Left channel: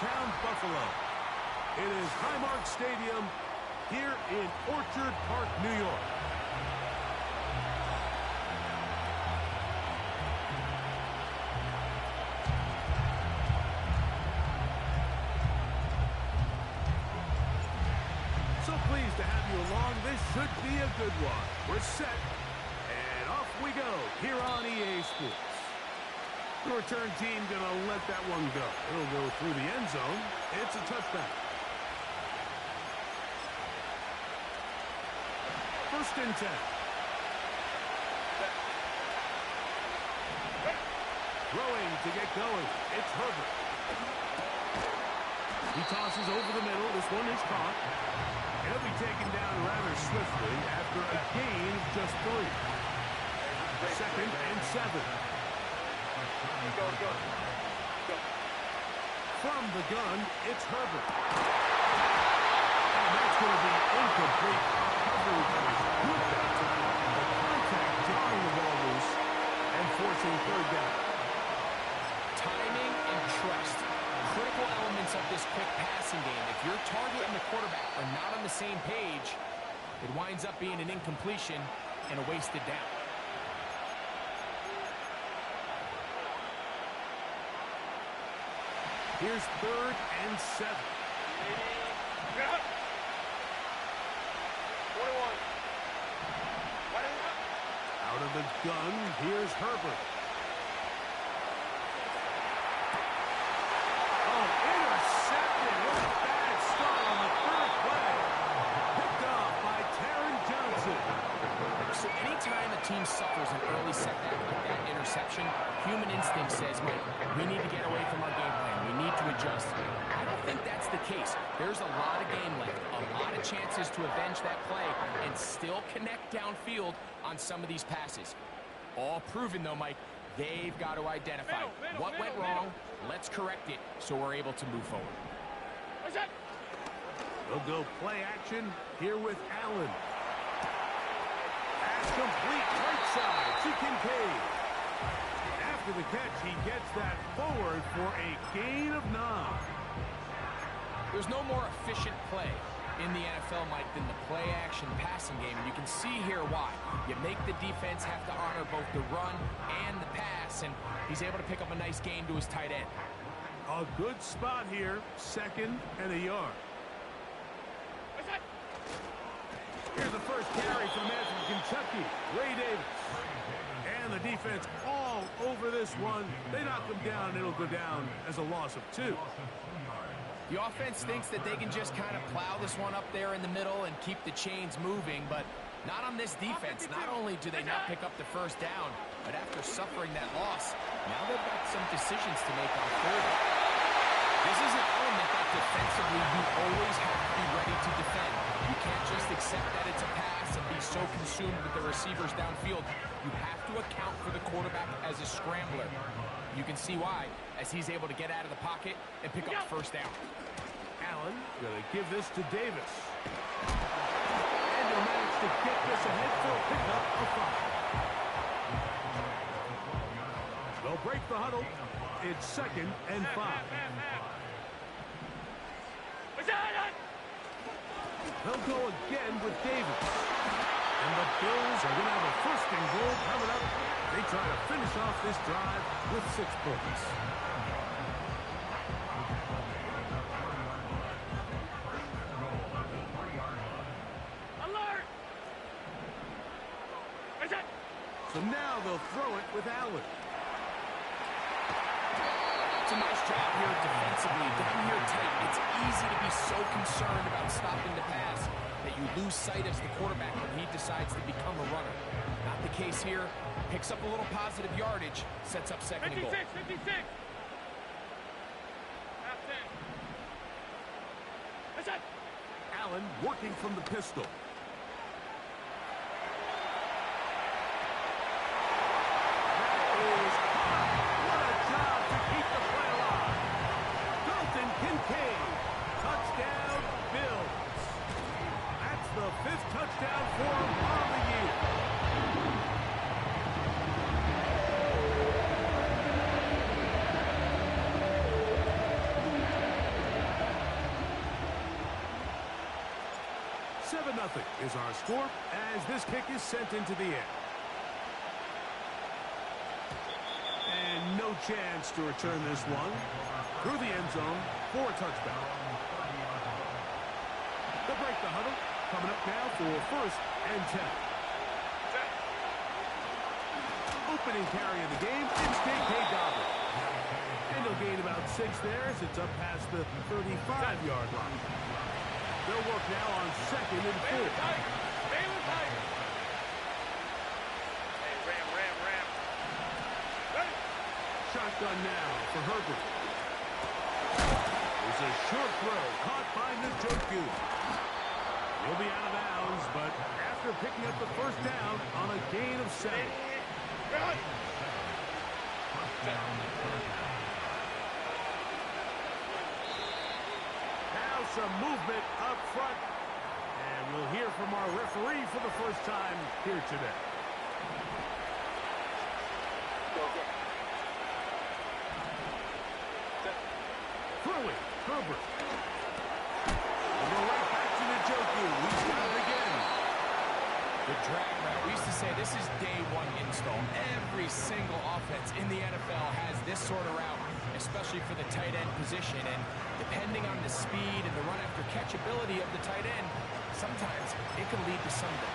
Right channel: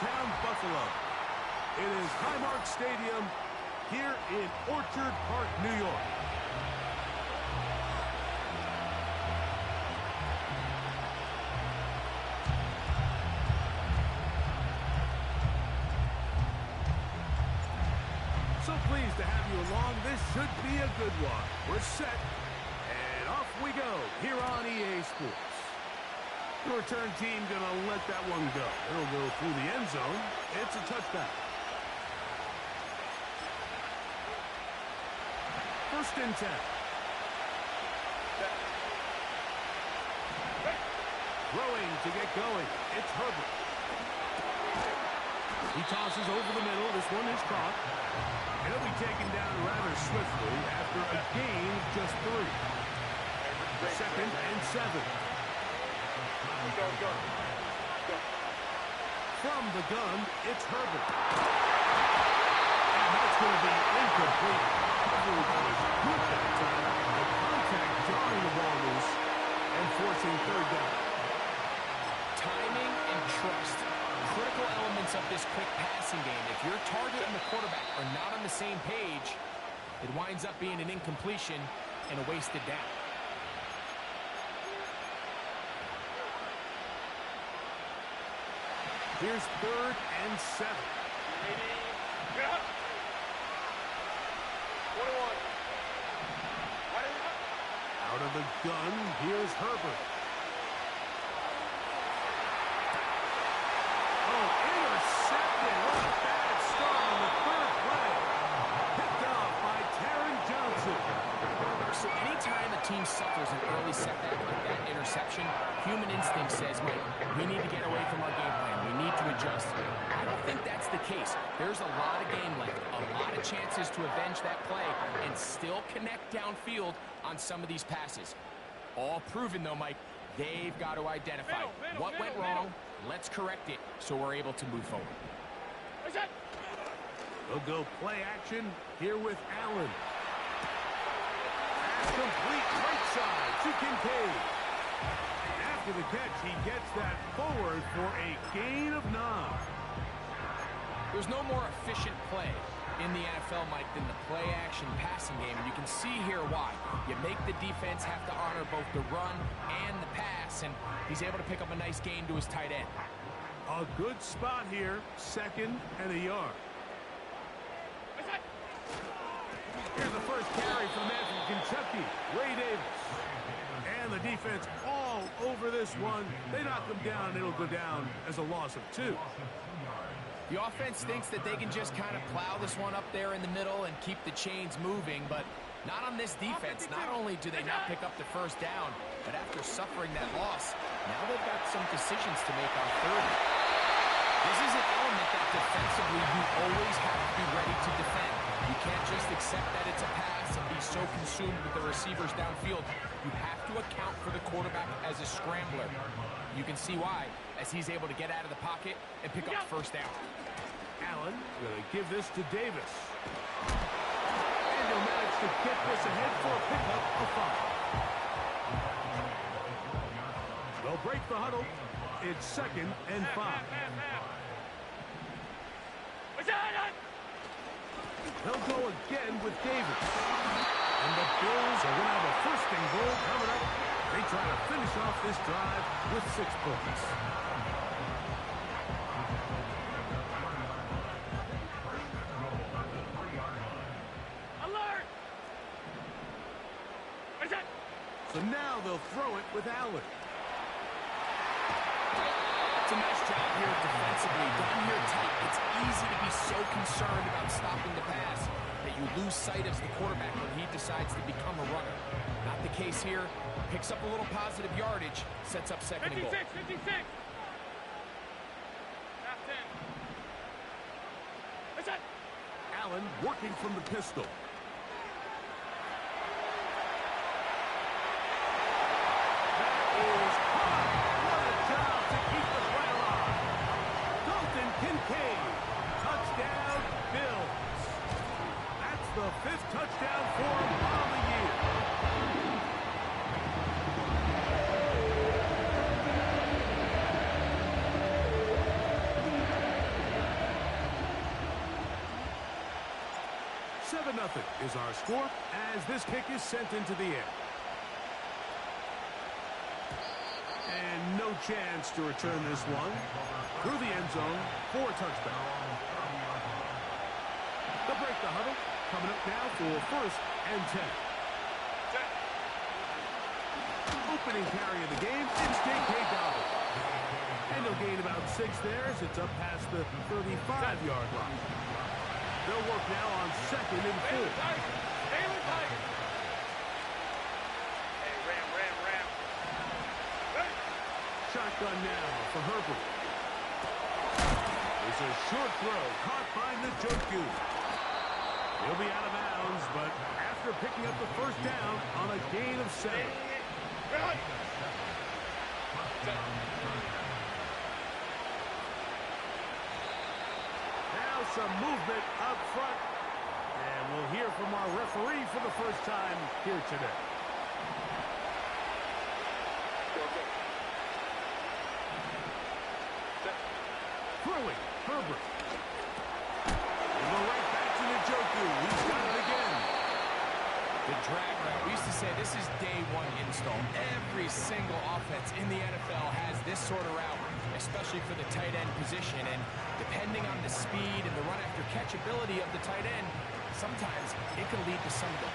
downtown Buffalo. It is Highmark Stadium here in Orchard Park, New York. So pleased to have you along. This should be a good one. We're set, and off we go here on EA Sports. The return team going to let that one go. It'll go through the end zone. It's a touchback. First and 10. Throwing to get going. It's Herbert. He tosses over the middle. This one is caught. And he'll be taken down rather swiftly after a gain of just 3. Second and 7. Go. From the gun, it's Herbert. And that's going to be incomplete. Coverage was good that time. The contact jarring the ball loose and forcing third down. Timing and trust. Critical elements of this quick passing game. If your target and the quarterback are not on the same page, it winds up being an incompletion and a wasted down. Here's third and 7. 21. Out of the gun, here's Herbert. Intercepted. What a bad start on the third play. Picked off by Taron Johnson. So anytime a team suffers an early setback like that interception, human instinct says, Mike, we need to get away from our game plan. We need to adjust. I don't think that's the case. There's a lot of game left, a lot of chances to avenge that play and still connect downfield on some of these passes. All proven, though, Mike, they've got to identify what went wrong. Let's correct it so we're able to move forward. They'll go play action here with Allen. Pass complete right side to Kincaid. And after the catch, he gets that forward for a gain of 9. There's no more efficient play in the NFL, Mike, than the play-action passing game. And you can see here why. You make the defense have to honor both the run and the pass, and he's able to pick up a nice gain to his tight end. A good spot here, 2nd and a yard. Here's the first carry for the man from Kentucky, Ray Davis. And the defense all over this one. They knock him down, and it'll go down as a loss of 2. The offense thinks that they can just kind of plow this one up there in the middle and keep the chains moving, but not on this defense. Not only do they not pick up the first down, but after suffering that loss, now they've got some decisions to make on 3rd. This is an element that defensively you always have to be ready to defend. You can't just accept that it's a pass and be so consumed with the receivers downfield. You have to account for the quarterback as a scrambler. You can see why, as he's able to get out of the pocket and pick up first down. Allen going to give this to Davis. And he'll manage to get this ahead for a pickup of 5. They'll break the huddle. It's 2nd and 5. They'll go again with Davis. And the Bills are going to have a 1st and goal coming up. They try to finish off this drive with 6 points. Alert! So now they'll throw it with Allen. It's a nice job here defensively. Down here tight, it's easy to be so concerned about stopping the pass that you lose sight of the quarterback when he decides to become a runner. Not the case here. Picks up a little positive yardage, sets up 2nd and goal. 56. Half 10. Allen working from the pistol. That is caught. What a job to keep the play alive. Dalton Kincaid. Touchdown, Bills. That's the 5th touchdown for him on the year. 7-0 is our score as this kick is sent into the air. And no chance to return this one through the end zone for a touchback. They'll break the huddle. Coming up now for 1st and 10. Opening carry of the game, it's J.K. Dobbins. And he'll gain about 6 there as it's up past the 35-yard line. They'll work now on 2nd and 4. Baylor Tiger. Baylor Tiger. Hey, Ram. Ready? Shotgun now for Herbert. There's a short throw caught by Njoku. He'll be out of bounds, but after picking up the 1st down on a gain of 7. Right. Now some movement up front. And we'll hear from our referee for the first time here today. Go. Throwing, Herbert. We'll go right back to Njoku. He's got it again. The drag route. We used to say this is day 1 install. Every single offense in the NFL has this sort of route, especially for the tight end position. And depending on the speed and the run after catch ability of the tight end, sometimes it can lead to some of the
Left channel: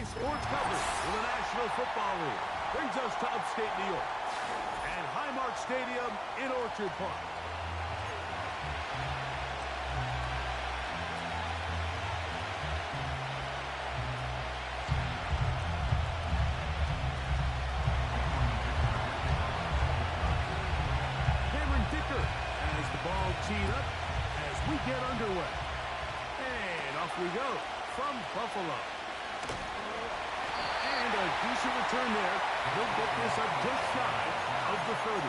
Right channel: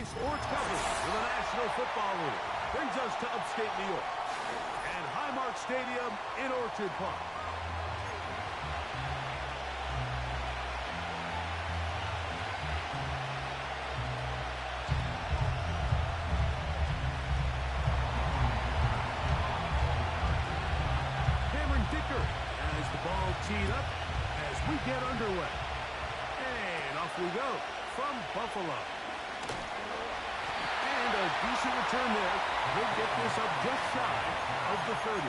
Weekday sports coverage for the National Football League brings us to upstate New York and Highmark Stadium in Orchard Park. As the ball teed up as we get underway. And off we go from Buffalo. And a decent return there. He'll get this up just shy of the 30.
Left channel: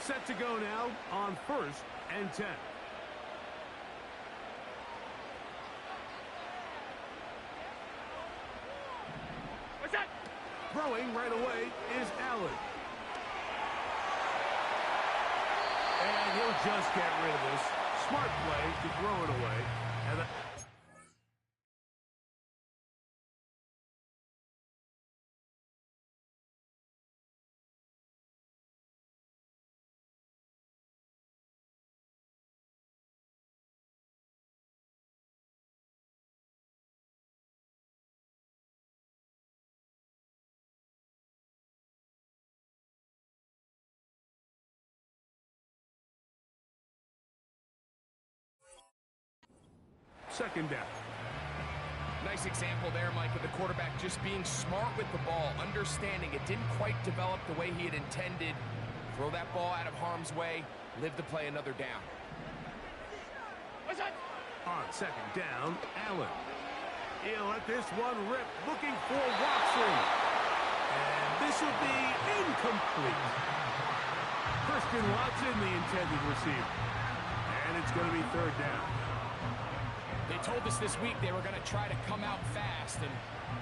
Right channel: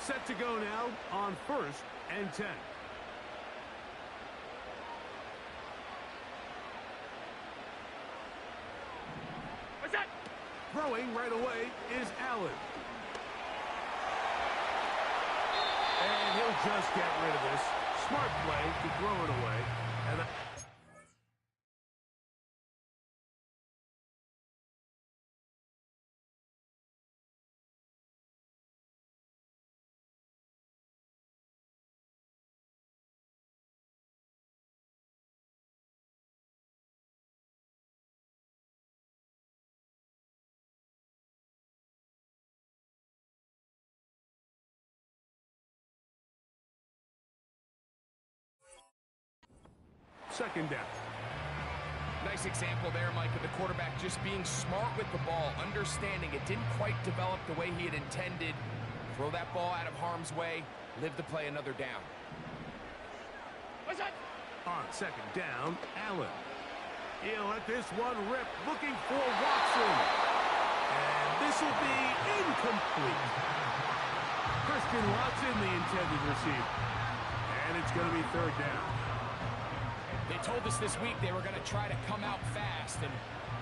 Set to go now on 1st and 10. Throwing right away is Allen. And he'll just get rid of this. Smart play to throw it away. And second down. Nice example there, Mike, of the quarterback just being smart with the ball, understanding it didn't quite develop the way he had intended. Throw that ball out of harm's way, live to play another down. On second down, Allen. He'll let this one rip, looking for Watson. And this will be incomplete. Christian Watson, the intended receiver. And it's going to be third down. They told us this week they were going to try to come out fast, and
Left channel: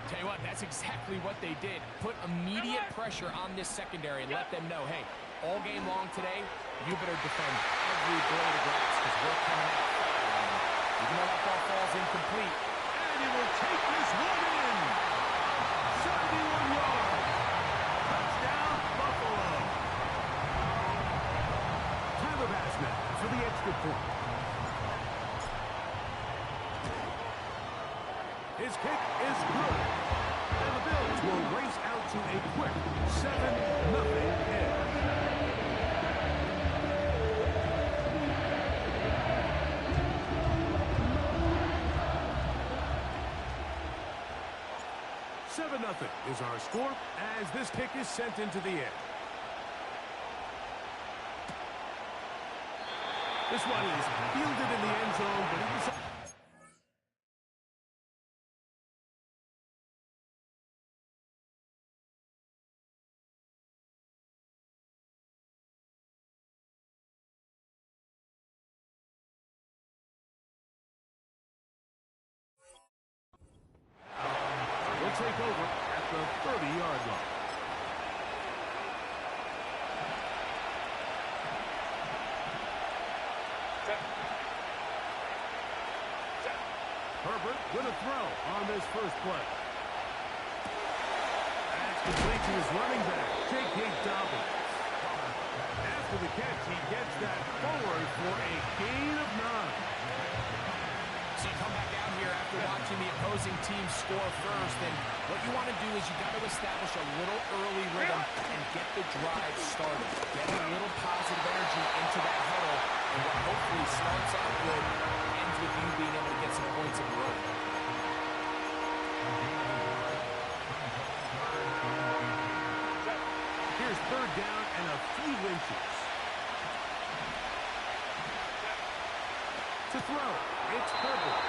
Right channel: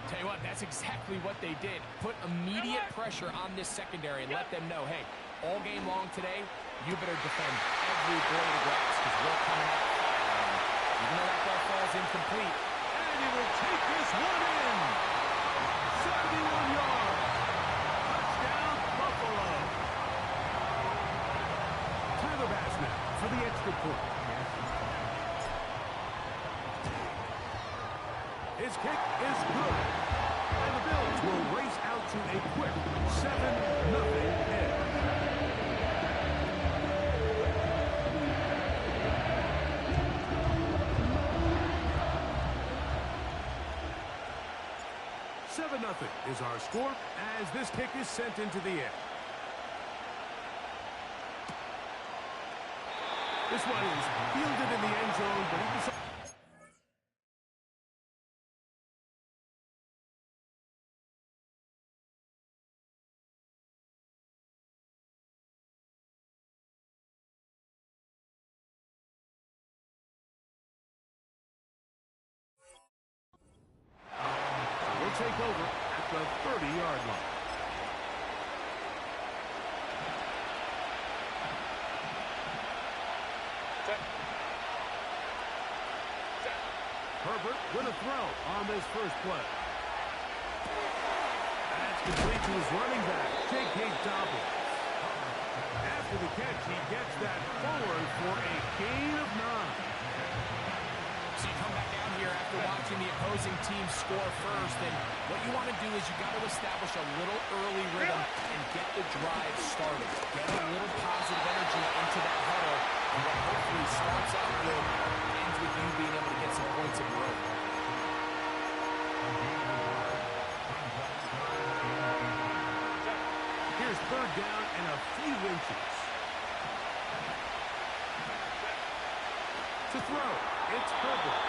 tell you what, that's exactly what they did. Put immediate pressure on this secondary and let them know, hey, all game long today, you better defend every blade of grass because we're coming out firing. Even though that ball falls incomplete. And he will take this one in. 71 yards. Touchdown, Buffalo. Tyler Bass now for the extra point. His kick is good. And the Bills will race out to a quick 7-0 edge. Nothing is our score as this kick is sent into the air. This one is fielded in the end zone, but he decides. Take over at the 30-yard line. Herbert with a throw on this first play. That's complete to his running back, J.K. Dobbins. After the catch, he gets that forward for a gain of 9. So you come back out here after watching the opposing team score first, and what you want to do is you got to establish a little early rhythm and get the drive started. Get a little positive energy into that huddle, and what hopefully starts out good ends with you being able to get some points of your own. Here's third down and a few inches. To throw, it's Herbert.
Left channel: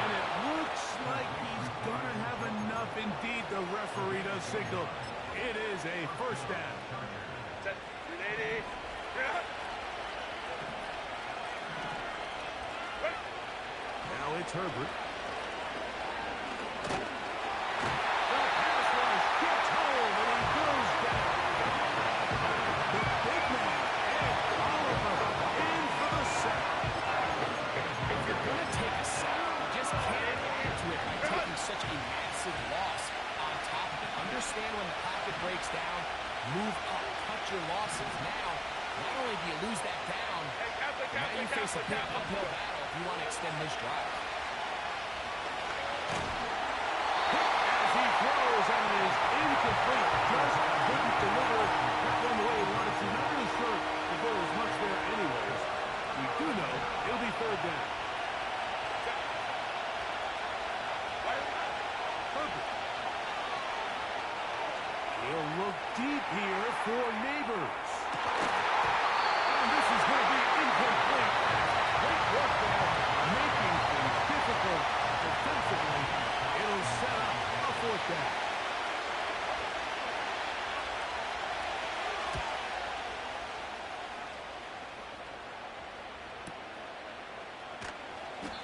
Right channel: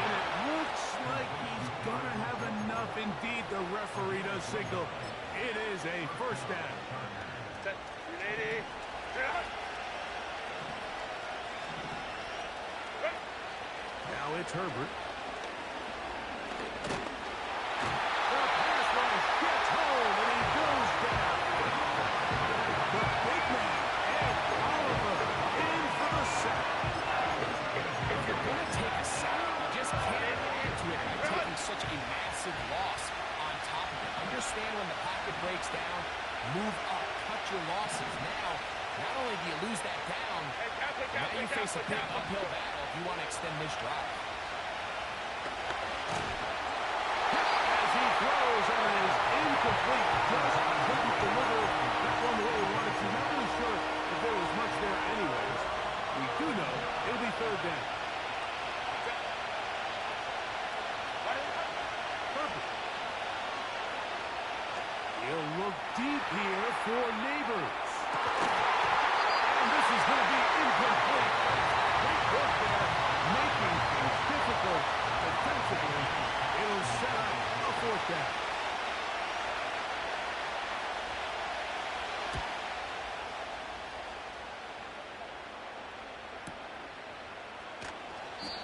And it looks like he's going to have enough. Indeed, the referee does signal. It is a first down. Set. 380. Now it's Herbert. The pass rush gets home, and he goes down. The big man, Ed Oliver, in for the sack. If you're going to take a sack, you just can't add to it by taking such a massive loss on top of it. Understand when the pocket breaks down, move up, cut your losses. Now, not only do you lose that down? Now you face a big uphill battle if you want to extend this drive. As he throws, and it is incomplete. Just couldn't deliver that one the way he wanted to. Not really sure if there was much there anyways. We do know it'll be third down. Herbert. He'll look deep here for Neighbors. And this is going to be incomplete. Great work there, making things difficult defensively. It'll set up a fourth down.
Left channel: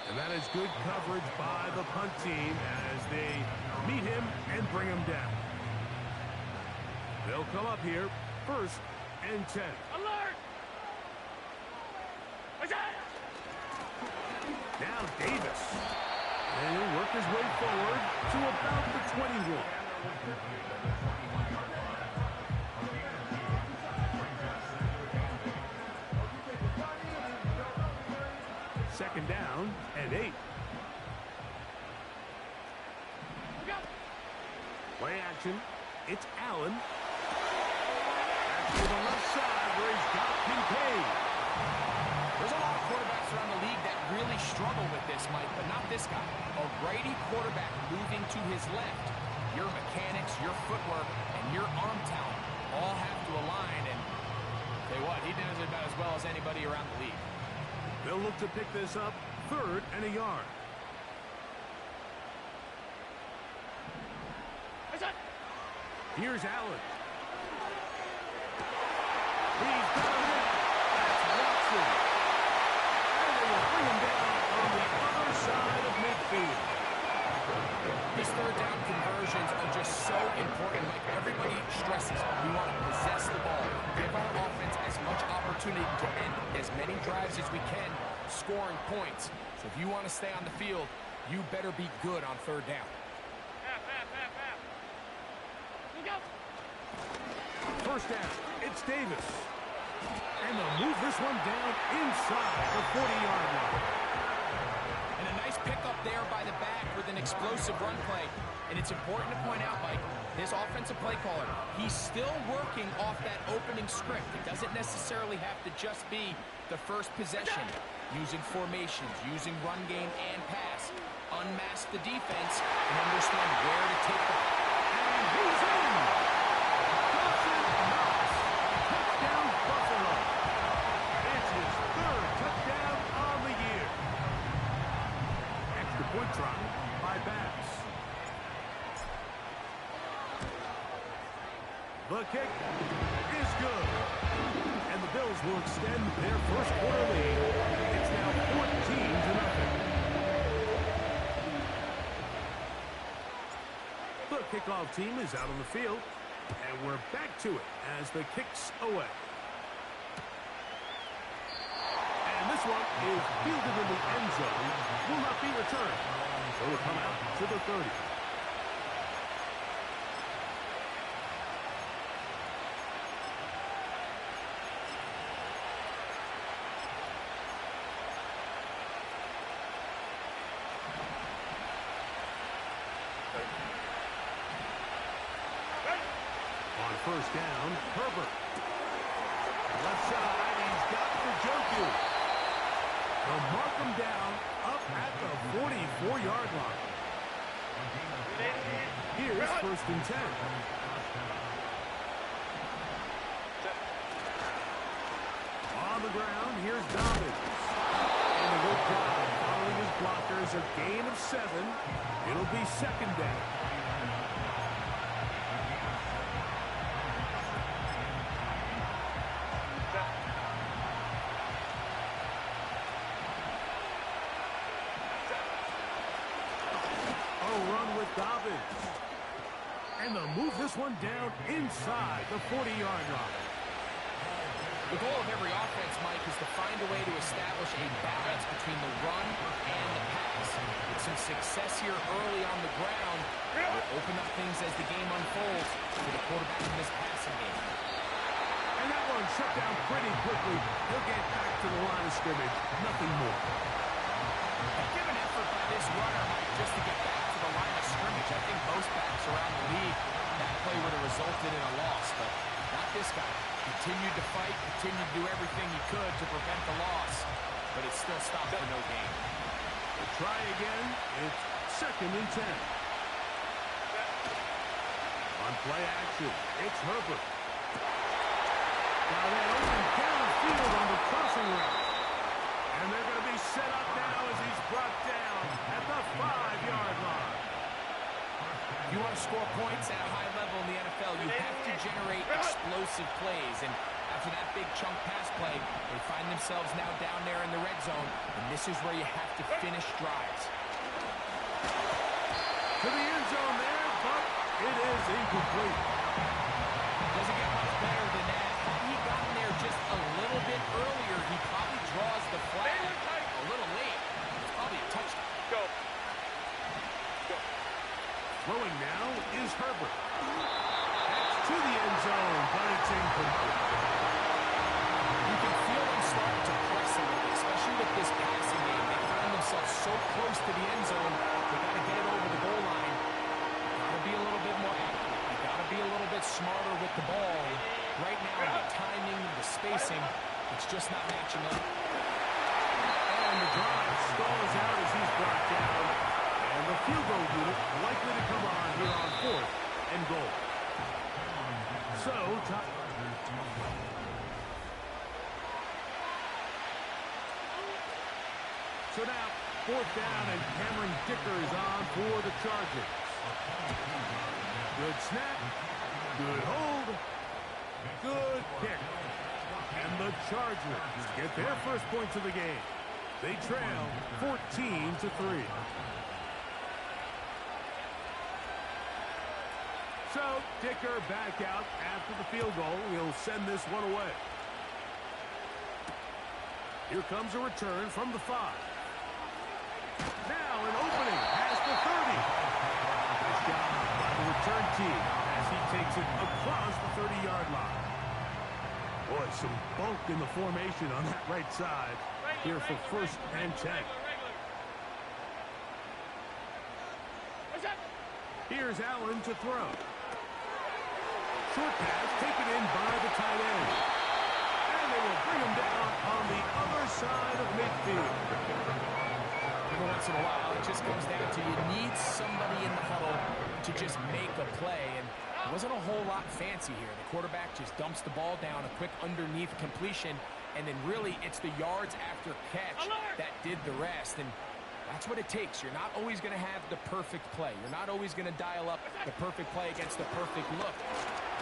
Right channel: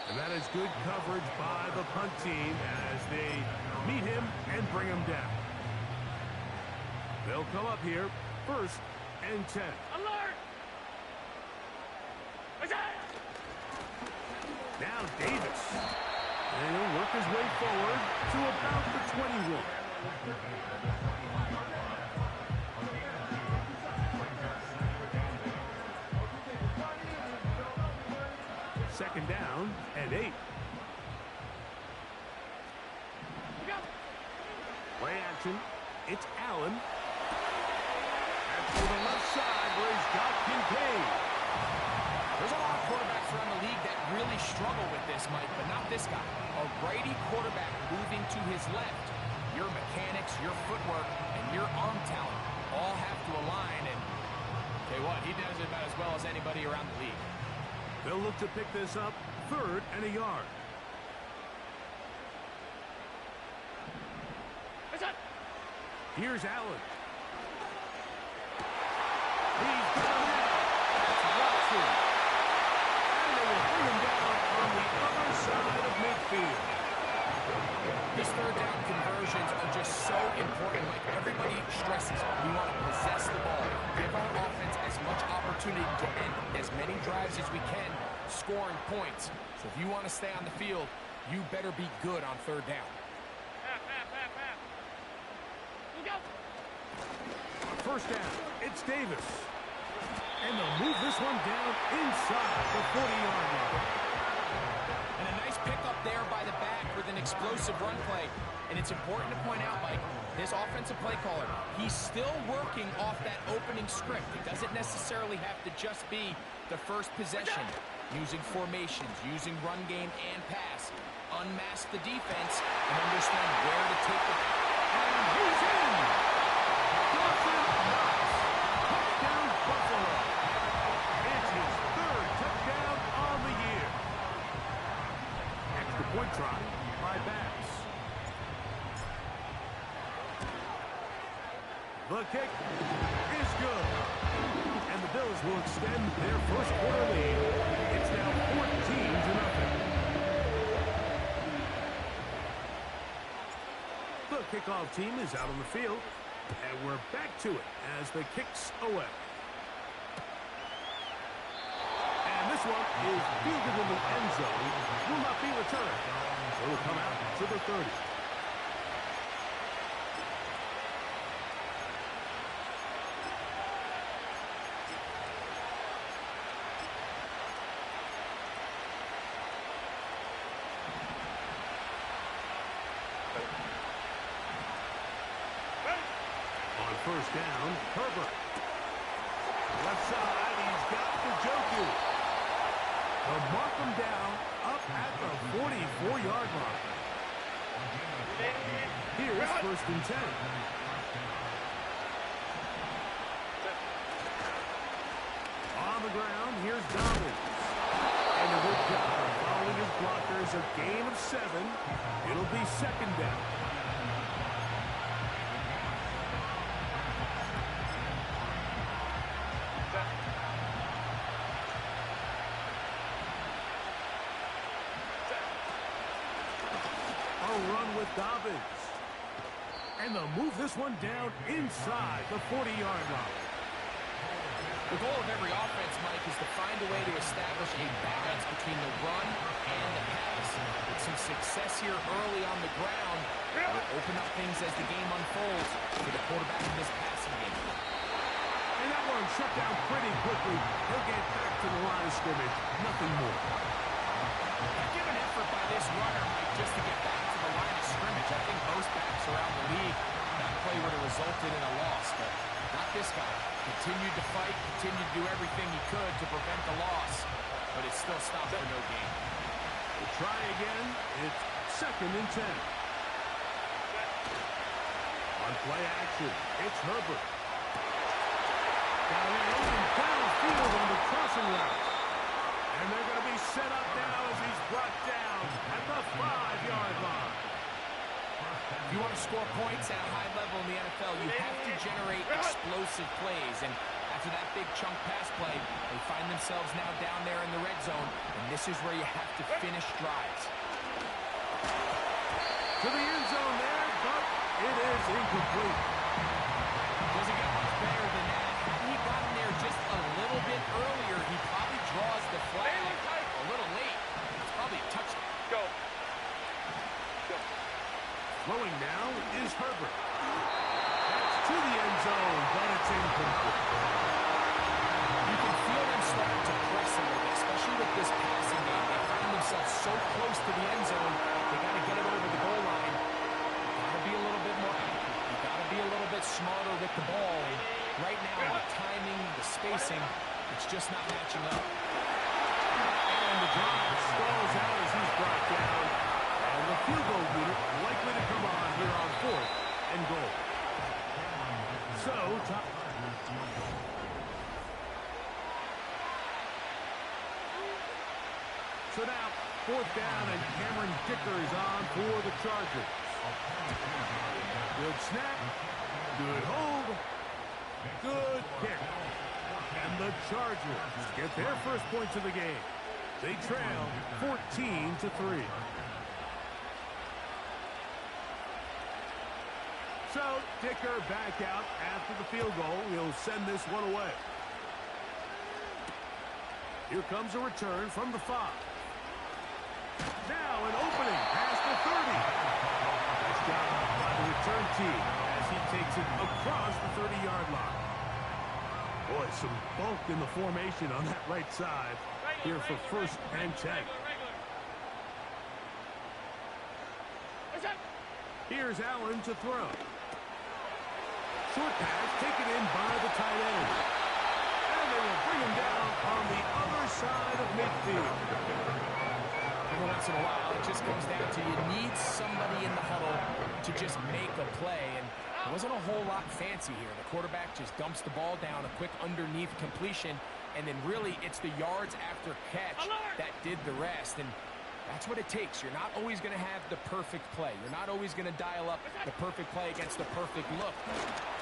And that is good coverage by the punt team as they meet him and bring him down. They'll come up here, 1st and 10. Alert! Now Davis. And he'll work his way forward to about the 21. Second down and 8. Play action. It's Allen. That's to the left side where he's got Kincaid. There's a lot of quarterbacks around the league that really struggle with this, Mike, but not this guy. A righty quarterback moving to his left. Your mechanics, your footwork, and your arm talent all have to align, and tell you what, he does it about as well as anybody around the league. They'll look to pick this up, 3rd and a yard. Here's Allen. He's got him in. That's Watson. And they will bring him down on the other side of midfield. These third down conversions are just so important. Like everybody stresses, we want to possess the ball. Give our offense as much opportunity to end as many drives as we can, scoring points. So if you want to stay on the field, you better be good on third down. First down, it's Davis. And they'll move this one down inside the 40-yard line. And a nice pickup there by the back with an explosive run play. And it's important to point out, Mike, his offensive play caller, he's still working off that opening script. It doesn't necessarily have to just be the first possession. Using formations, using run game and pass. Unmask the defense and understand where to take the... And he's in! Dawson Knox. Touchdown, Buffalo. It's his 3rd touchdown on the year. Extra point try by Bass. The kick is good. And the Bills will extend their first quarter lead. It's now 14-0. The kickoff team is out on the field. And we're back to it as the kick's away. And this one is fielded in the end zone. Will not be returned. So it'll come out to the 30. On first down, Herbert. Left side, he's got the Njoku. They'll mark him down up at the 44-yard line. Here's 1st and 10. On the ground, here's Dobbins. And a good job following his blockers. A gain of 7. It'll be 2nd down. Run with Dobbins. And they'll move this one down inside the 40-yard line. The goal of every offense, Mike, is to find a way to establish a balance between the run and the pass. With some success here early on the ground, it will open up things as the game unfolds for the quarterback in this passing game. And that one shut down pretty quickly. He'll get back to the line of scrimmage. Nothing more. Give an effort by this runner, Mike, just to get back to the line of scrimmage. I think most backs around the league, that play would have resulted in a loss, but not this guy. Continued to fight, continued to do everything he could to prevent the loss, but it still stopped for no gain. We'll try again. It's 2nd and 10. On play action, it's Herbert. Got a man open downfield on the crossing route. And they're going to be set up now as he's brought down at the 5-yard line. If you want to score points at a high level in the NFL, you have to generate explosive plays. And after that big chunk pass play, they find themselves now down there in the red zone. And this is where you have to finish drives. To the end zone there, but it is incomplete. Doesn't get much better than that. Had he gotten there just a little bit earlier, he probably draws the flag a little late. It's probably a touchdown. Go. Throwing now is Herbert. That's to the end zone, but it's incomplete. You can feel them starting to press a little bit, especially with this passing game. They find themselves so close to the end zone, they got to get it over the goal line. You got to be a little bit more accurate. You got to be a little bit smarter with the ball. And right now, the timing, the spacing, it's just not matching up. And the drive stalls out as he's brought down. And the field goal unit likely to come on here on 4th and goal. So now, 4th down, and Cameron Dicker is on for the Chargers. Good snap, good hold, good kick. And the Chargers get their first points of the game. They trail 14-3. So, Dicker back out after the field goal. He'll send this one away. Here comes a return from the 5. Now an opening past the 30. Nice job by the return team as he takes it across the 30-yard line. Boy, some bulk in the formation on that right side here for 1st and 10. Here's Allen to throw. Short pass taken in by the tight end. And they will bring him down on the other side of midfield. Every once in a while, it just comes down to you need somebody in the huddle to just make a play. And it wasn't a whole lot fancy here. The quarterback just dumps the ball down, a quick underneath completion, and then really it's the yards after catch that did the rest. And that's what it takes. You're not always going to have the perfect play. You're not always going to dial up the perfect play against the perfect look.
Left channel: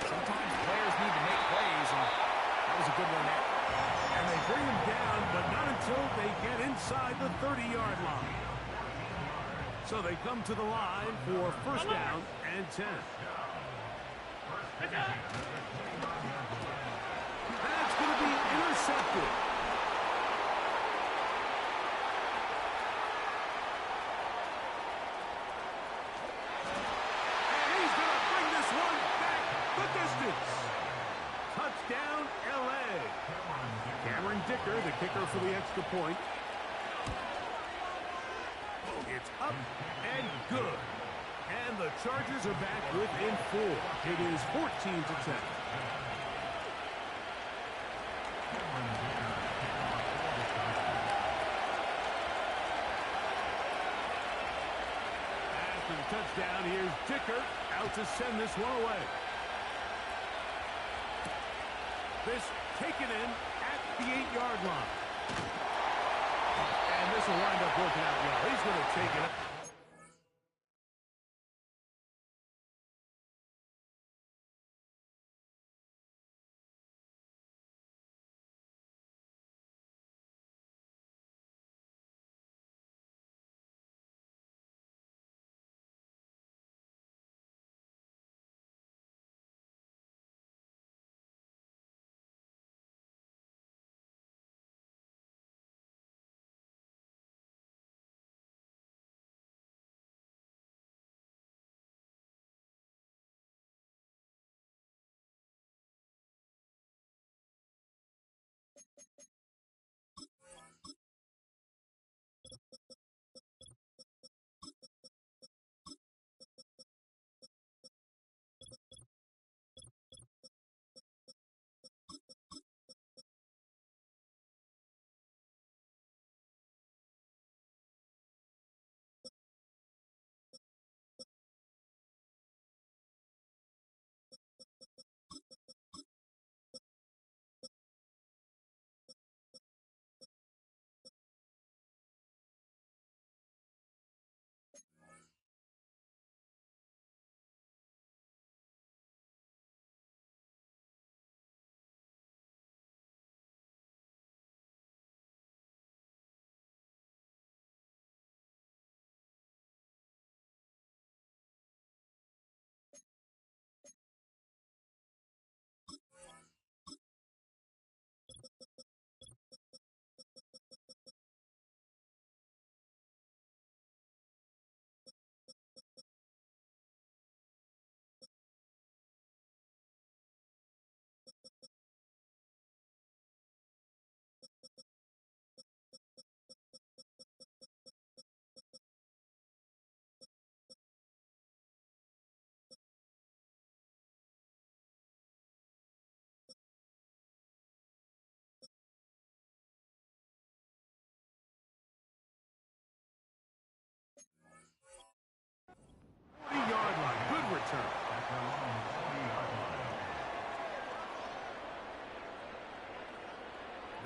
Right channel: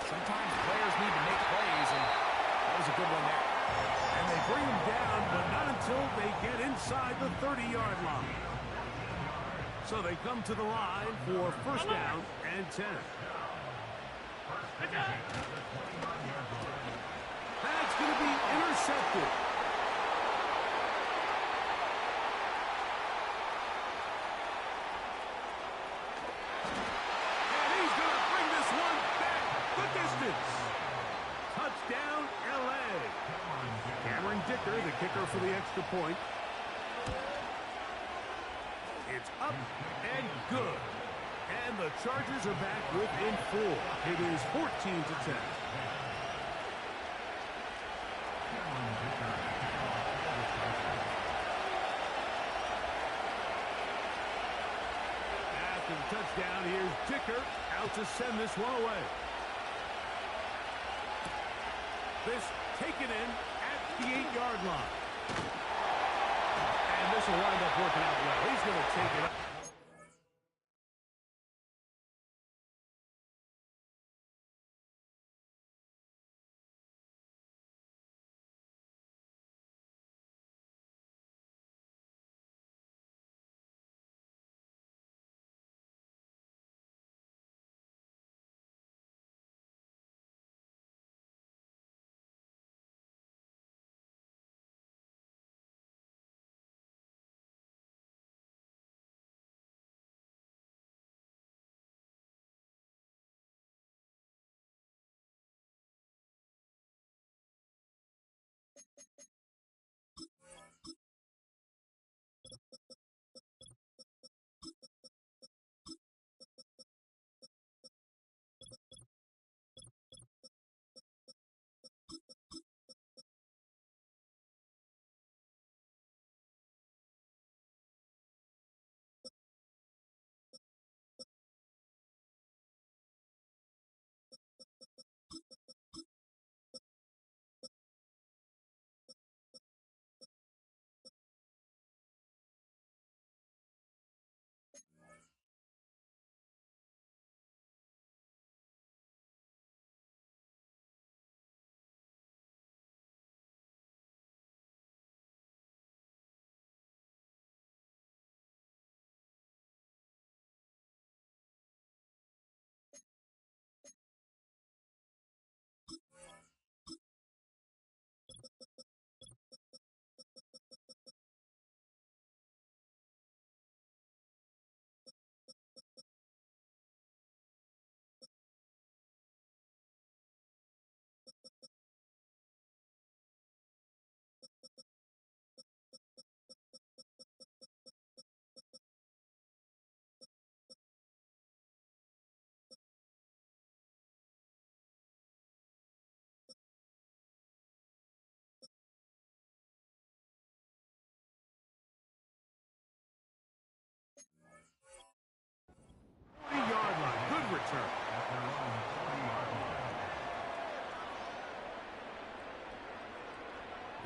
Sometimes players need to make plays, and that was a good one there. And they bring him down, but not until they get inside the 30-yard line. So they come to the line for 1st down and 10. That's going to be intercepted. And he's going to bring this one back the distance. Touchdown, L.A. Cameron Dicker, the kicker for the extra point. It's up and good. And the Chargers are back within 4. It is 14-10. After the touchdown, here's Dicker out to send this one away. This taken in at the 8-yard line. And this will wind up working out well. He's going to take it up.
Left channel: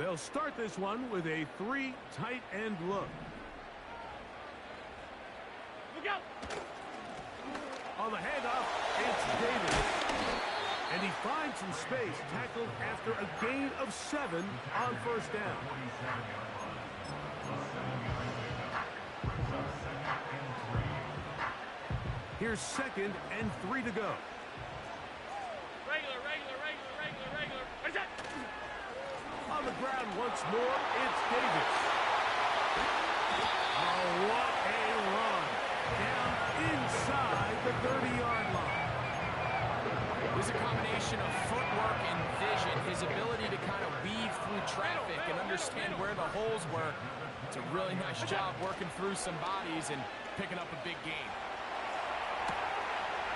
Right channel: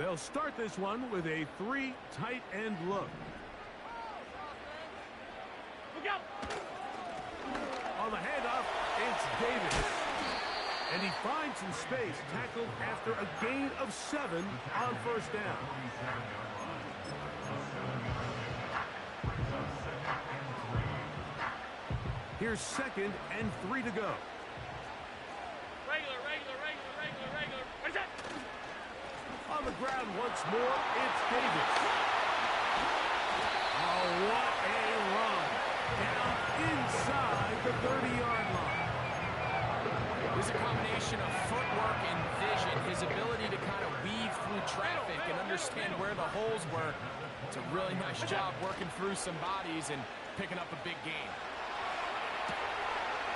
They'll start this one with a 3 tight end look. Look out! On the handoff, it's Davis. And he finds some space, tackled after a gain of 7 on first down. Here's 2nd and 3 to go. Regular. What is that? On the ground once more, it's Davis. Oh, what a run. Down inside the 30-yard line. There's a combination of footwork and vision, his ability to kind of weave through traffic and understand where the holes were. It's a really nice job working through some bodies and picking up a big gain.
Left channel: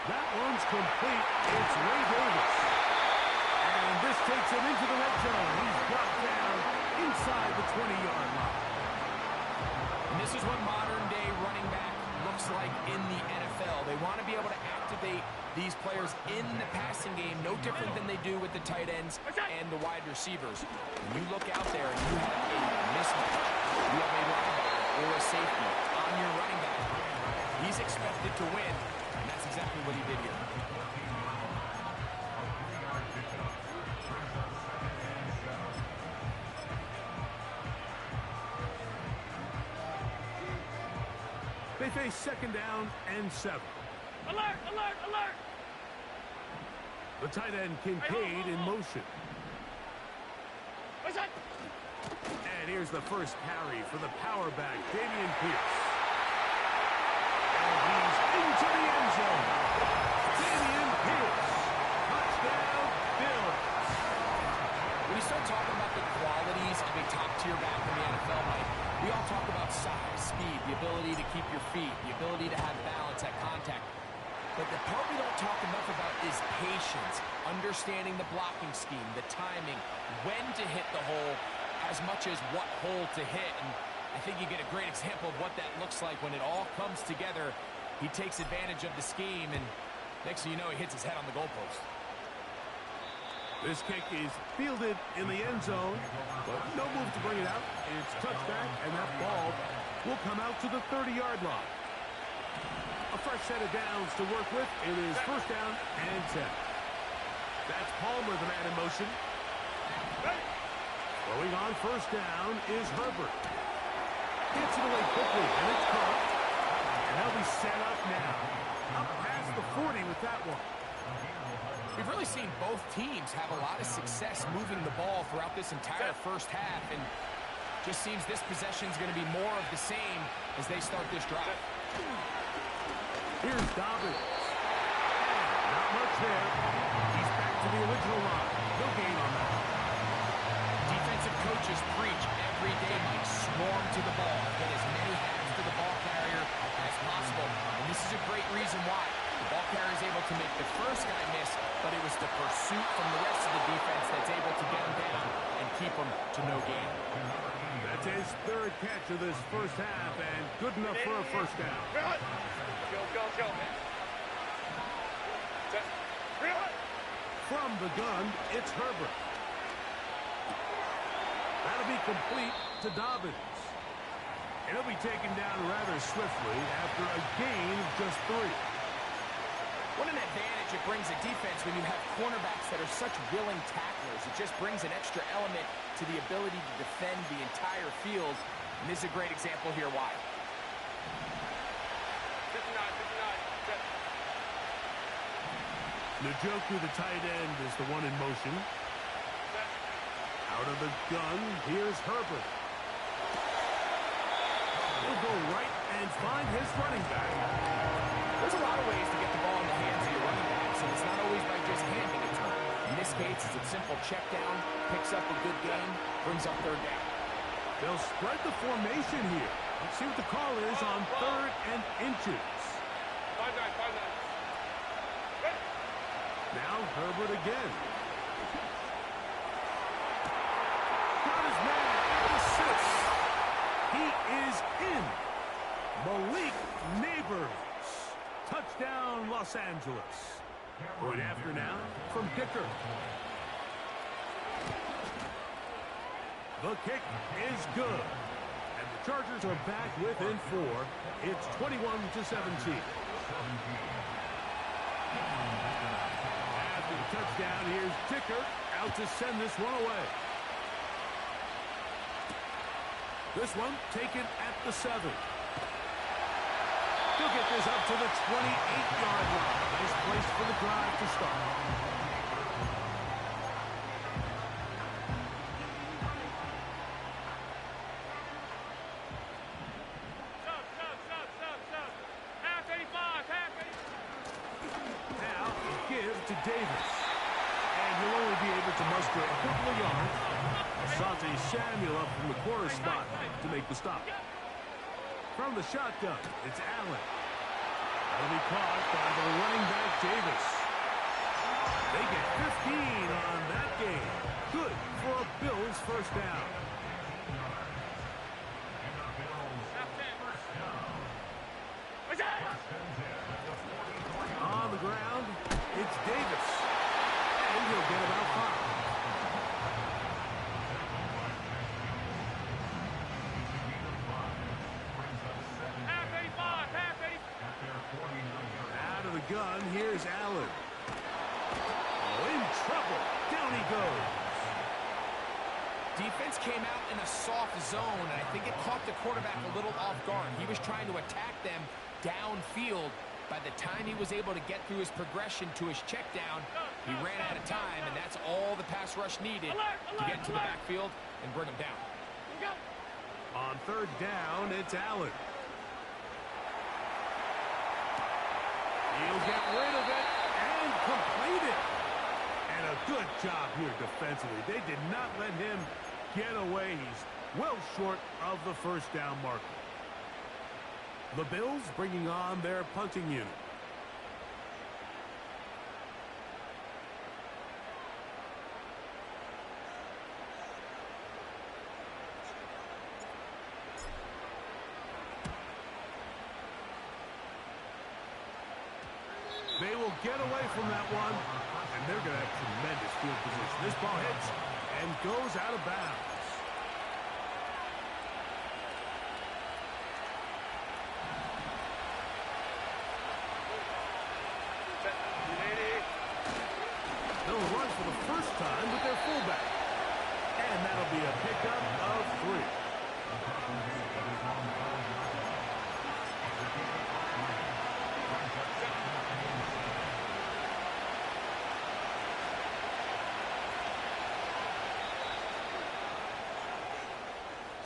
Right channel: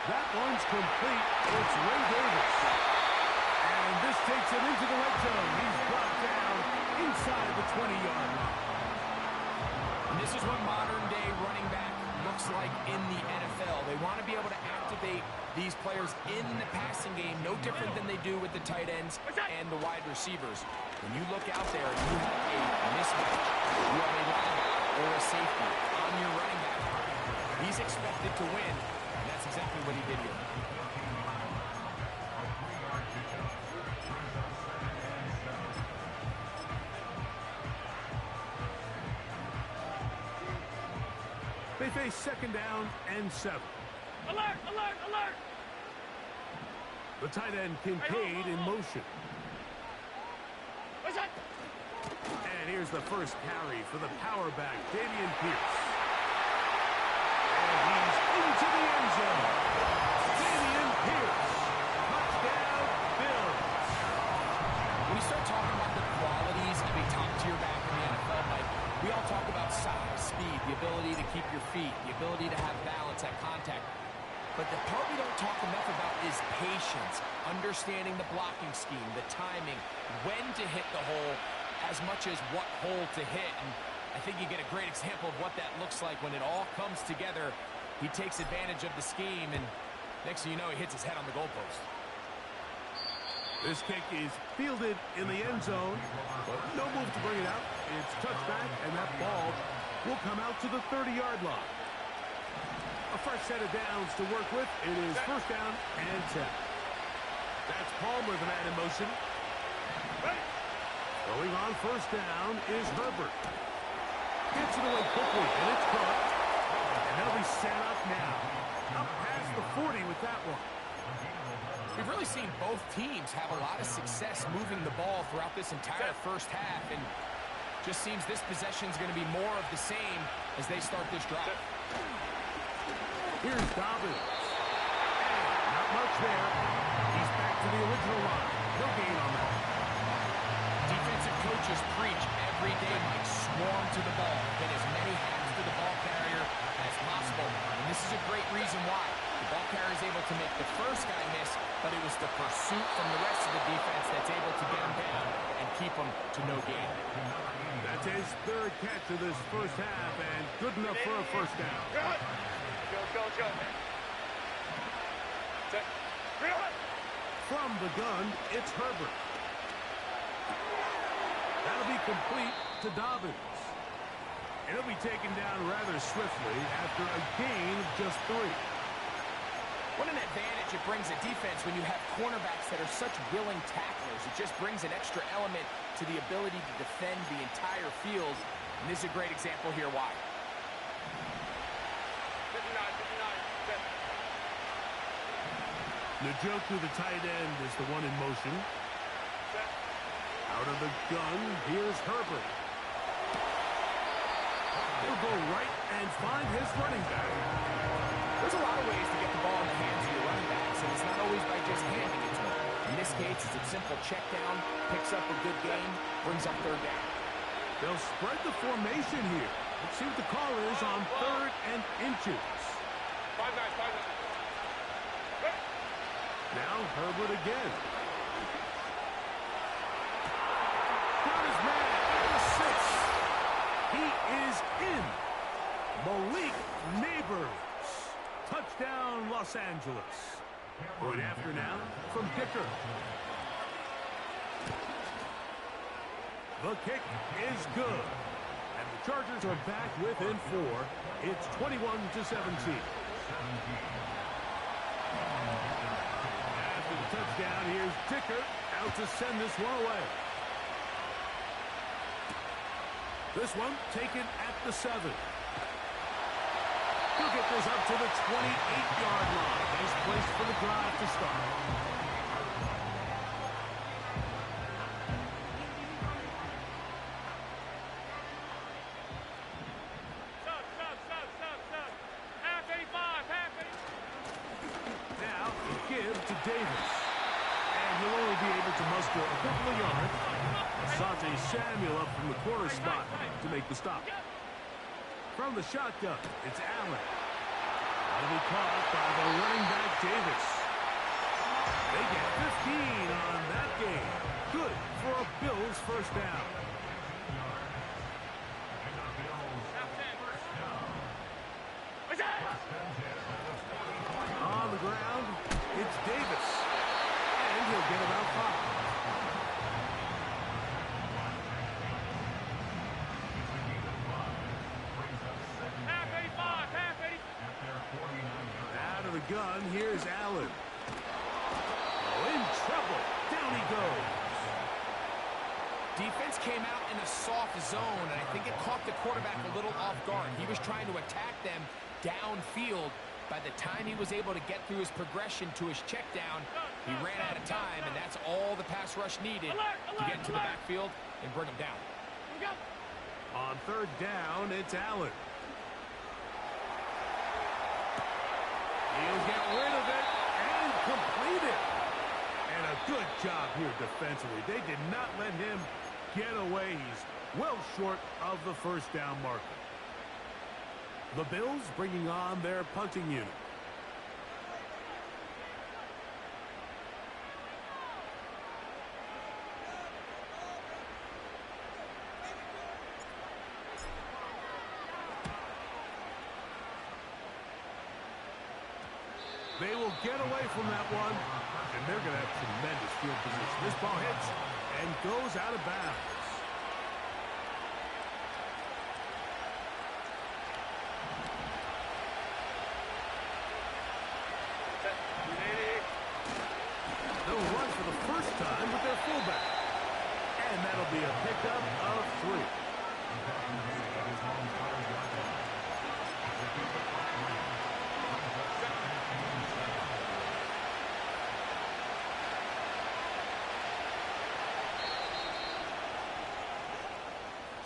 That one's complete. It's Ray Davis. And this takes him into the red zone. He's brought down inside the 20-yard line. And this is what modern-day running back looks like in the NFL. They want to be able to activate these players in the passing game, no different than they do with the tight ends and the wide receivers. When you look out there and you have a mismatch, you have a linebacker or a safety on your running back, he's expected to win, and that's exactly what he did here. They face 2nd down and 7. Alert! The tight end Kincaid in motion. What's that? And here's the first carry for the power back, Dameon Pierce. And he's into the end zone. Dameon Pierce. Touchdown, Bills. When you start talking about the qualities of a top-tier back in the NFL, Mike, we all talk about size, speed, the ability to keep your feet, the ability to have balance at contact. But the part we don't talk enough about is patience, understanding the blocking scheme, the timing, when to hit the hole, as much as what hole to hit. And I think you get a great example of what that looks like when it all comes together. He takes advantage of the scheme, and next thing you know, he hits his head on the goalpost. This kick is fielded in the end zone, but no move to bring it out. It's touchback, and that ball will come out to the 30-yard line. A fresh set of downs to work with. It is 1st down and 10. That's Palmer, the man in motion. Throwing on 1st down is Herbert. Gets it away quickly, and it's caught. And they'll be set up now. Up past the 40 with that one. We've really seen both teams have a lot of success moving the ball throughout this entire first half, and just seems this possession is going to be more of the same as they start this drive. Here's Dobbins. And not much there. He's back to the original line. No gain on that. Defensive coaches preach every day, Mike, swarm to the ball, get as many hands to the ball carrier as possible, and this is a great reason why. The ball carrier is able to make the first guy miss, but it was the pursuit from the rest of the defense that's able to get him down and keep him to no gain. That's his 3rd catch of this first half, and good enough for a 1st down. Let's go, man. Set. From the gun, it's Herbert. That'll be complete to Dobbins. And he'll be taken down rather swiftly after a gain of just 3. What an advantage it brings a defense when you have cornerbacks that are such willing tacklers. It just brings an extra element to the ability to defend the entire field. And this is a great example here why. 59. Set. Njoku, the tight end, is the one in motion. Set. Out of the gun, here's Herbert. He'll go right and find his running back. There's a lot of ways to get the ball in the hands of your running backs, and it's not always by just handing it to him. In this case, it's a simple check down, picks up a good gain, brings up 3rd down. They'll spread the formation here. Let's see what the call is on 3rd and inches. 5-9. Ready? Now Herbert again. Got his man at the 6. He is in. Malik Neighbors. Touchdown, Los Angeles. Point after now from Dicker. The kick is good. And the Chargers are back within 4. It's 21-17. After the touchdown, here's Dicker out to send this one away. This one taken at the 7. He'll get this up to the 28-yard line. Nice place for the drive to start. Sub. Half 85, half 85. Now, give to Davis. And he'll only be able to muster a couple of yards. Asante Samuel up from the corner spot to make the stop. From the shotgun, it's Allen. That'll be caught by the running back, Davis. They get 15 on that game. Good for a Bills first down. On the ground, it's Davis. And he'll get about 5. Out of the gun, here's Allen. Oh, in trouble. Down he goes. Defense came out in a soft zone, and I think it caught the quarterback a little off guard. He was trying to attack them downfield. By the time he was able to get through his progression to his check down, he ran out of time, and that's all the pass rush needed to get to the backfield and bring him down. On third down, it's Allen. He'll get rid of it and complete it. And a good job here defensively. They did not let him get away. He's well short of the first down marker. The Bills bringing on their punting unit. They will get away from that one, and they're going to have tremendous field position. This ball hits and goes out of bounds. They'll run for the first time with their fullback. And that'll be a pickup of 3.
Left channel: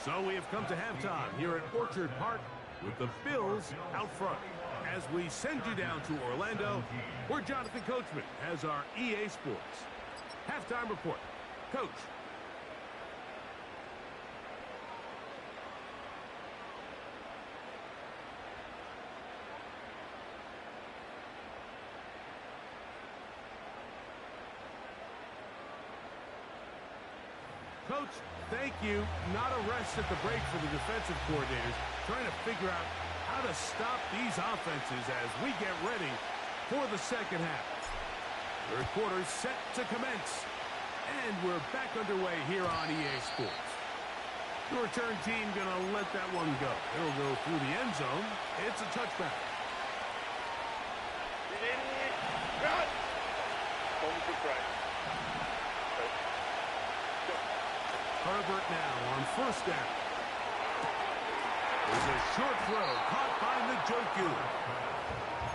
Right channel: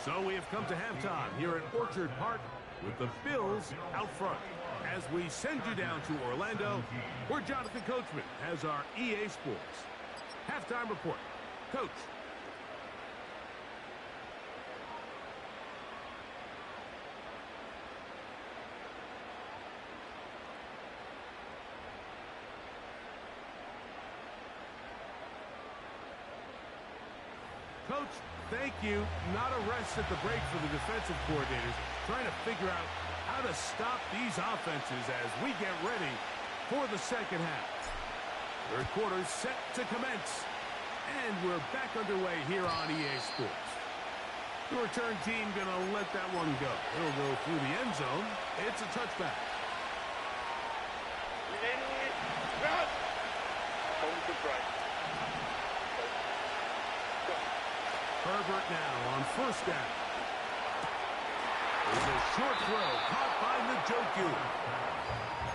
So we have come to halftime here at Orchard Park with the Bills out front. As we send you down to Orlando, where Jonathan Coachman has our EA Sports halftime report. Coach. Coach, thank you. Not a rest at the break for the defensive coordinators, trying to figure out how to stop these offenses as we get ready for the second half. Third quarter set to commence, and we're back underway here on EA Sports. The return team going to let that one go. It'll go through the end zone. It's a touchback. Run! Home to right. Herbert now on first down. There's a short throw caught by Njoku.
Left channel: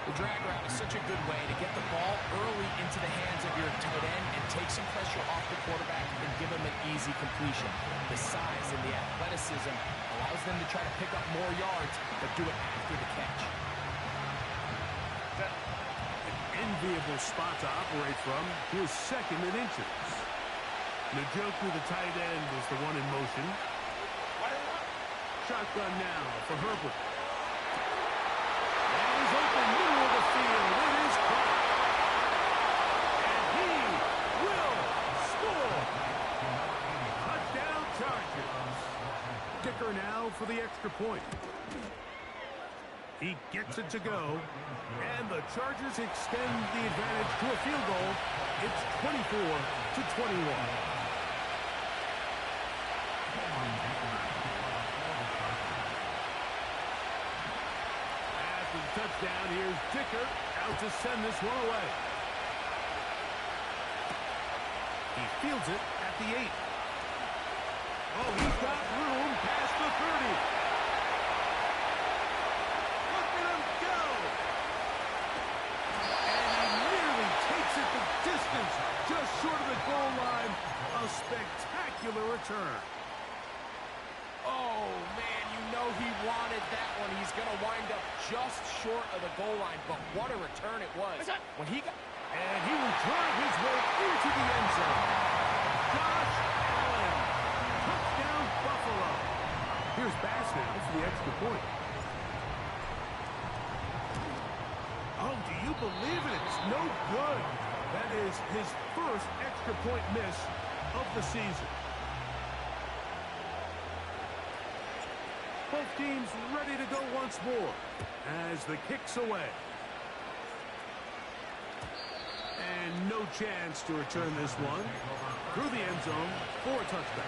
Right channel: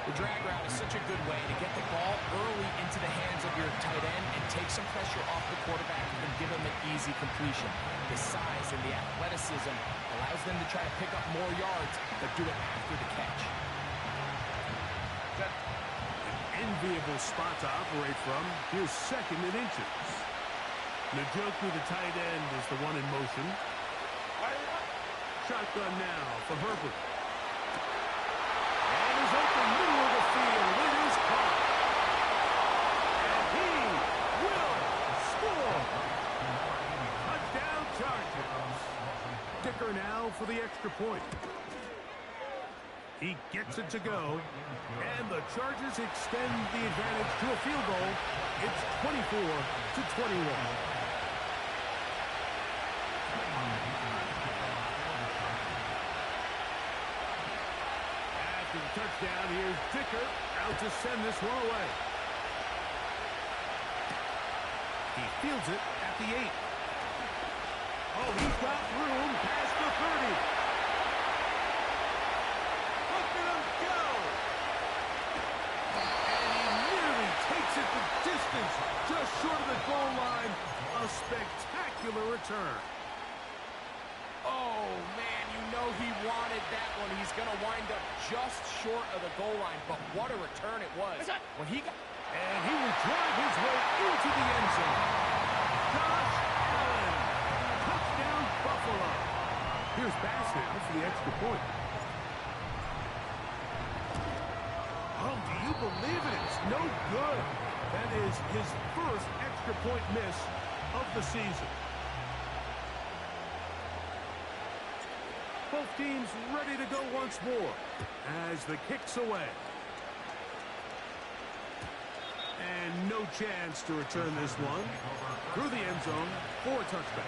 The drag route is such a good way to get the ball early into the hands of your tight end and take some pressure off the quarterback and give him an easy completion. The size and the athleticism allows them to try to pick up more yards, but do it after the catch. An enviable spot to operate from. Here's second and inches. Njoku, the tight end, is the one in motion. Shotgun now for Herbert. And he's open middle of the field. It is caught. And he will score. Touchdown Chargers. Dicker now for the extra point. He gets it to go. And the Chargers extend the advantage to a field goal. It's 24-21. touchdown. Here's Dicker out to send this one away. He fields it at the 8. Oh, he's got room past the 30. Look at him go. And he nearly takes it the distance, just short of the goal line. A spectacular return. Oh, man, you know he wanted that one. He's going to wind up just short of the goal line, but what a return it was. When he got... And he will drive his way into the end zone. Josh Allen. Touchdown, Buffalo. Here's Bass now for the extra point. Oh, do you believe it? It's no good. That is his first extra point miss of the season. Both teams ready to go once more as the kick's away. And no chance to return this one through the end zone for a touchback.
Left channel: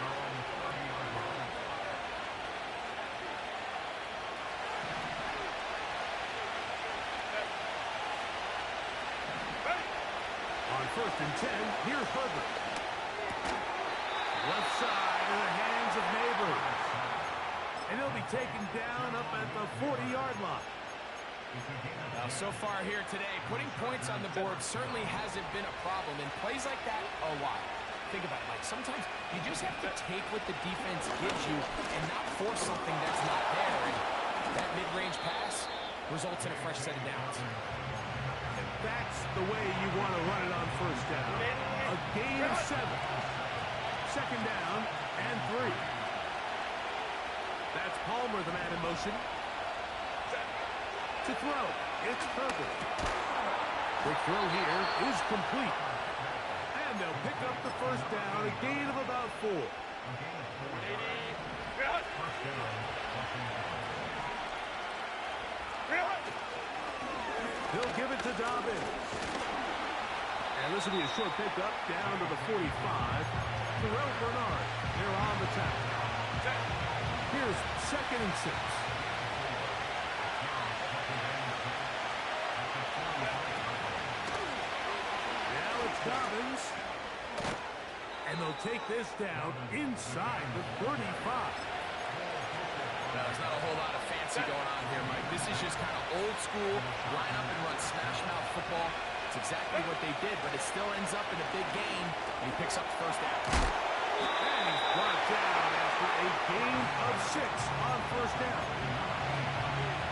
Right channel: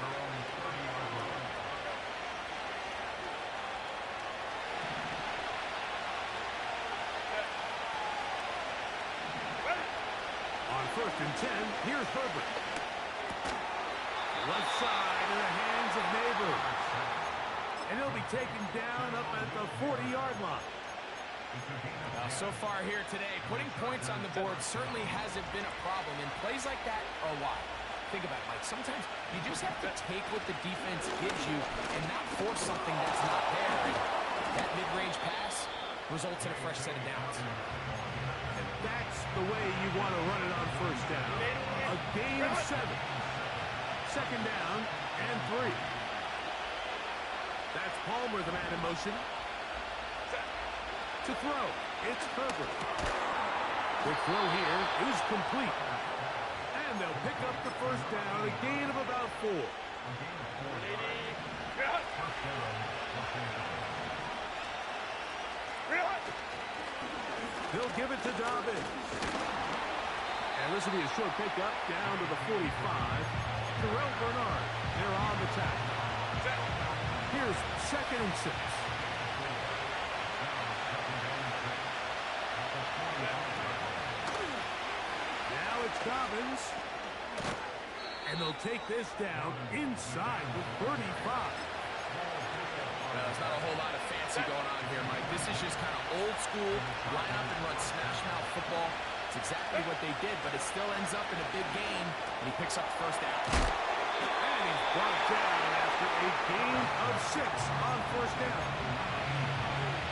On 1st and 10, here's Herbert. Left side in the hands of Neighbors. And he'll be taken down up at the 40-yard line. Now, so far here today, putting points on the board certainly hasn't been a problem. And plays like that are why. Think about it, Mike. Sometimes you just have to take what the defense gives you and not force something that's not there. And that mid-range pass results in a fresh set of downs. And that's the way you want to run it on 1st down. A gain of 7. 2nd down and 3. That's Palmer, the man in motion. To throw, it's Herbert. Quick throw here is complete. And they'll pick up the 1st down, a gain of about 4. He'll give it to Dobbins. And this will be a short pickup down to the 45. Terrell Bernard, they're on the tackle. Here's 2nd and 6. Now it's Dobbins. And they'll take this down inside the 35. Well, there's not a whole lot of fancy going on here, Mike. This is just kind of old school, line up and run smash mouth football. It's exactly what they did, but it still ends up in a big game, and he picks up the 1st down. And he's brought down after a gain of 6 on 1st down.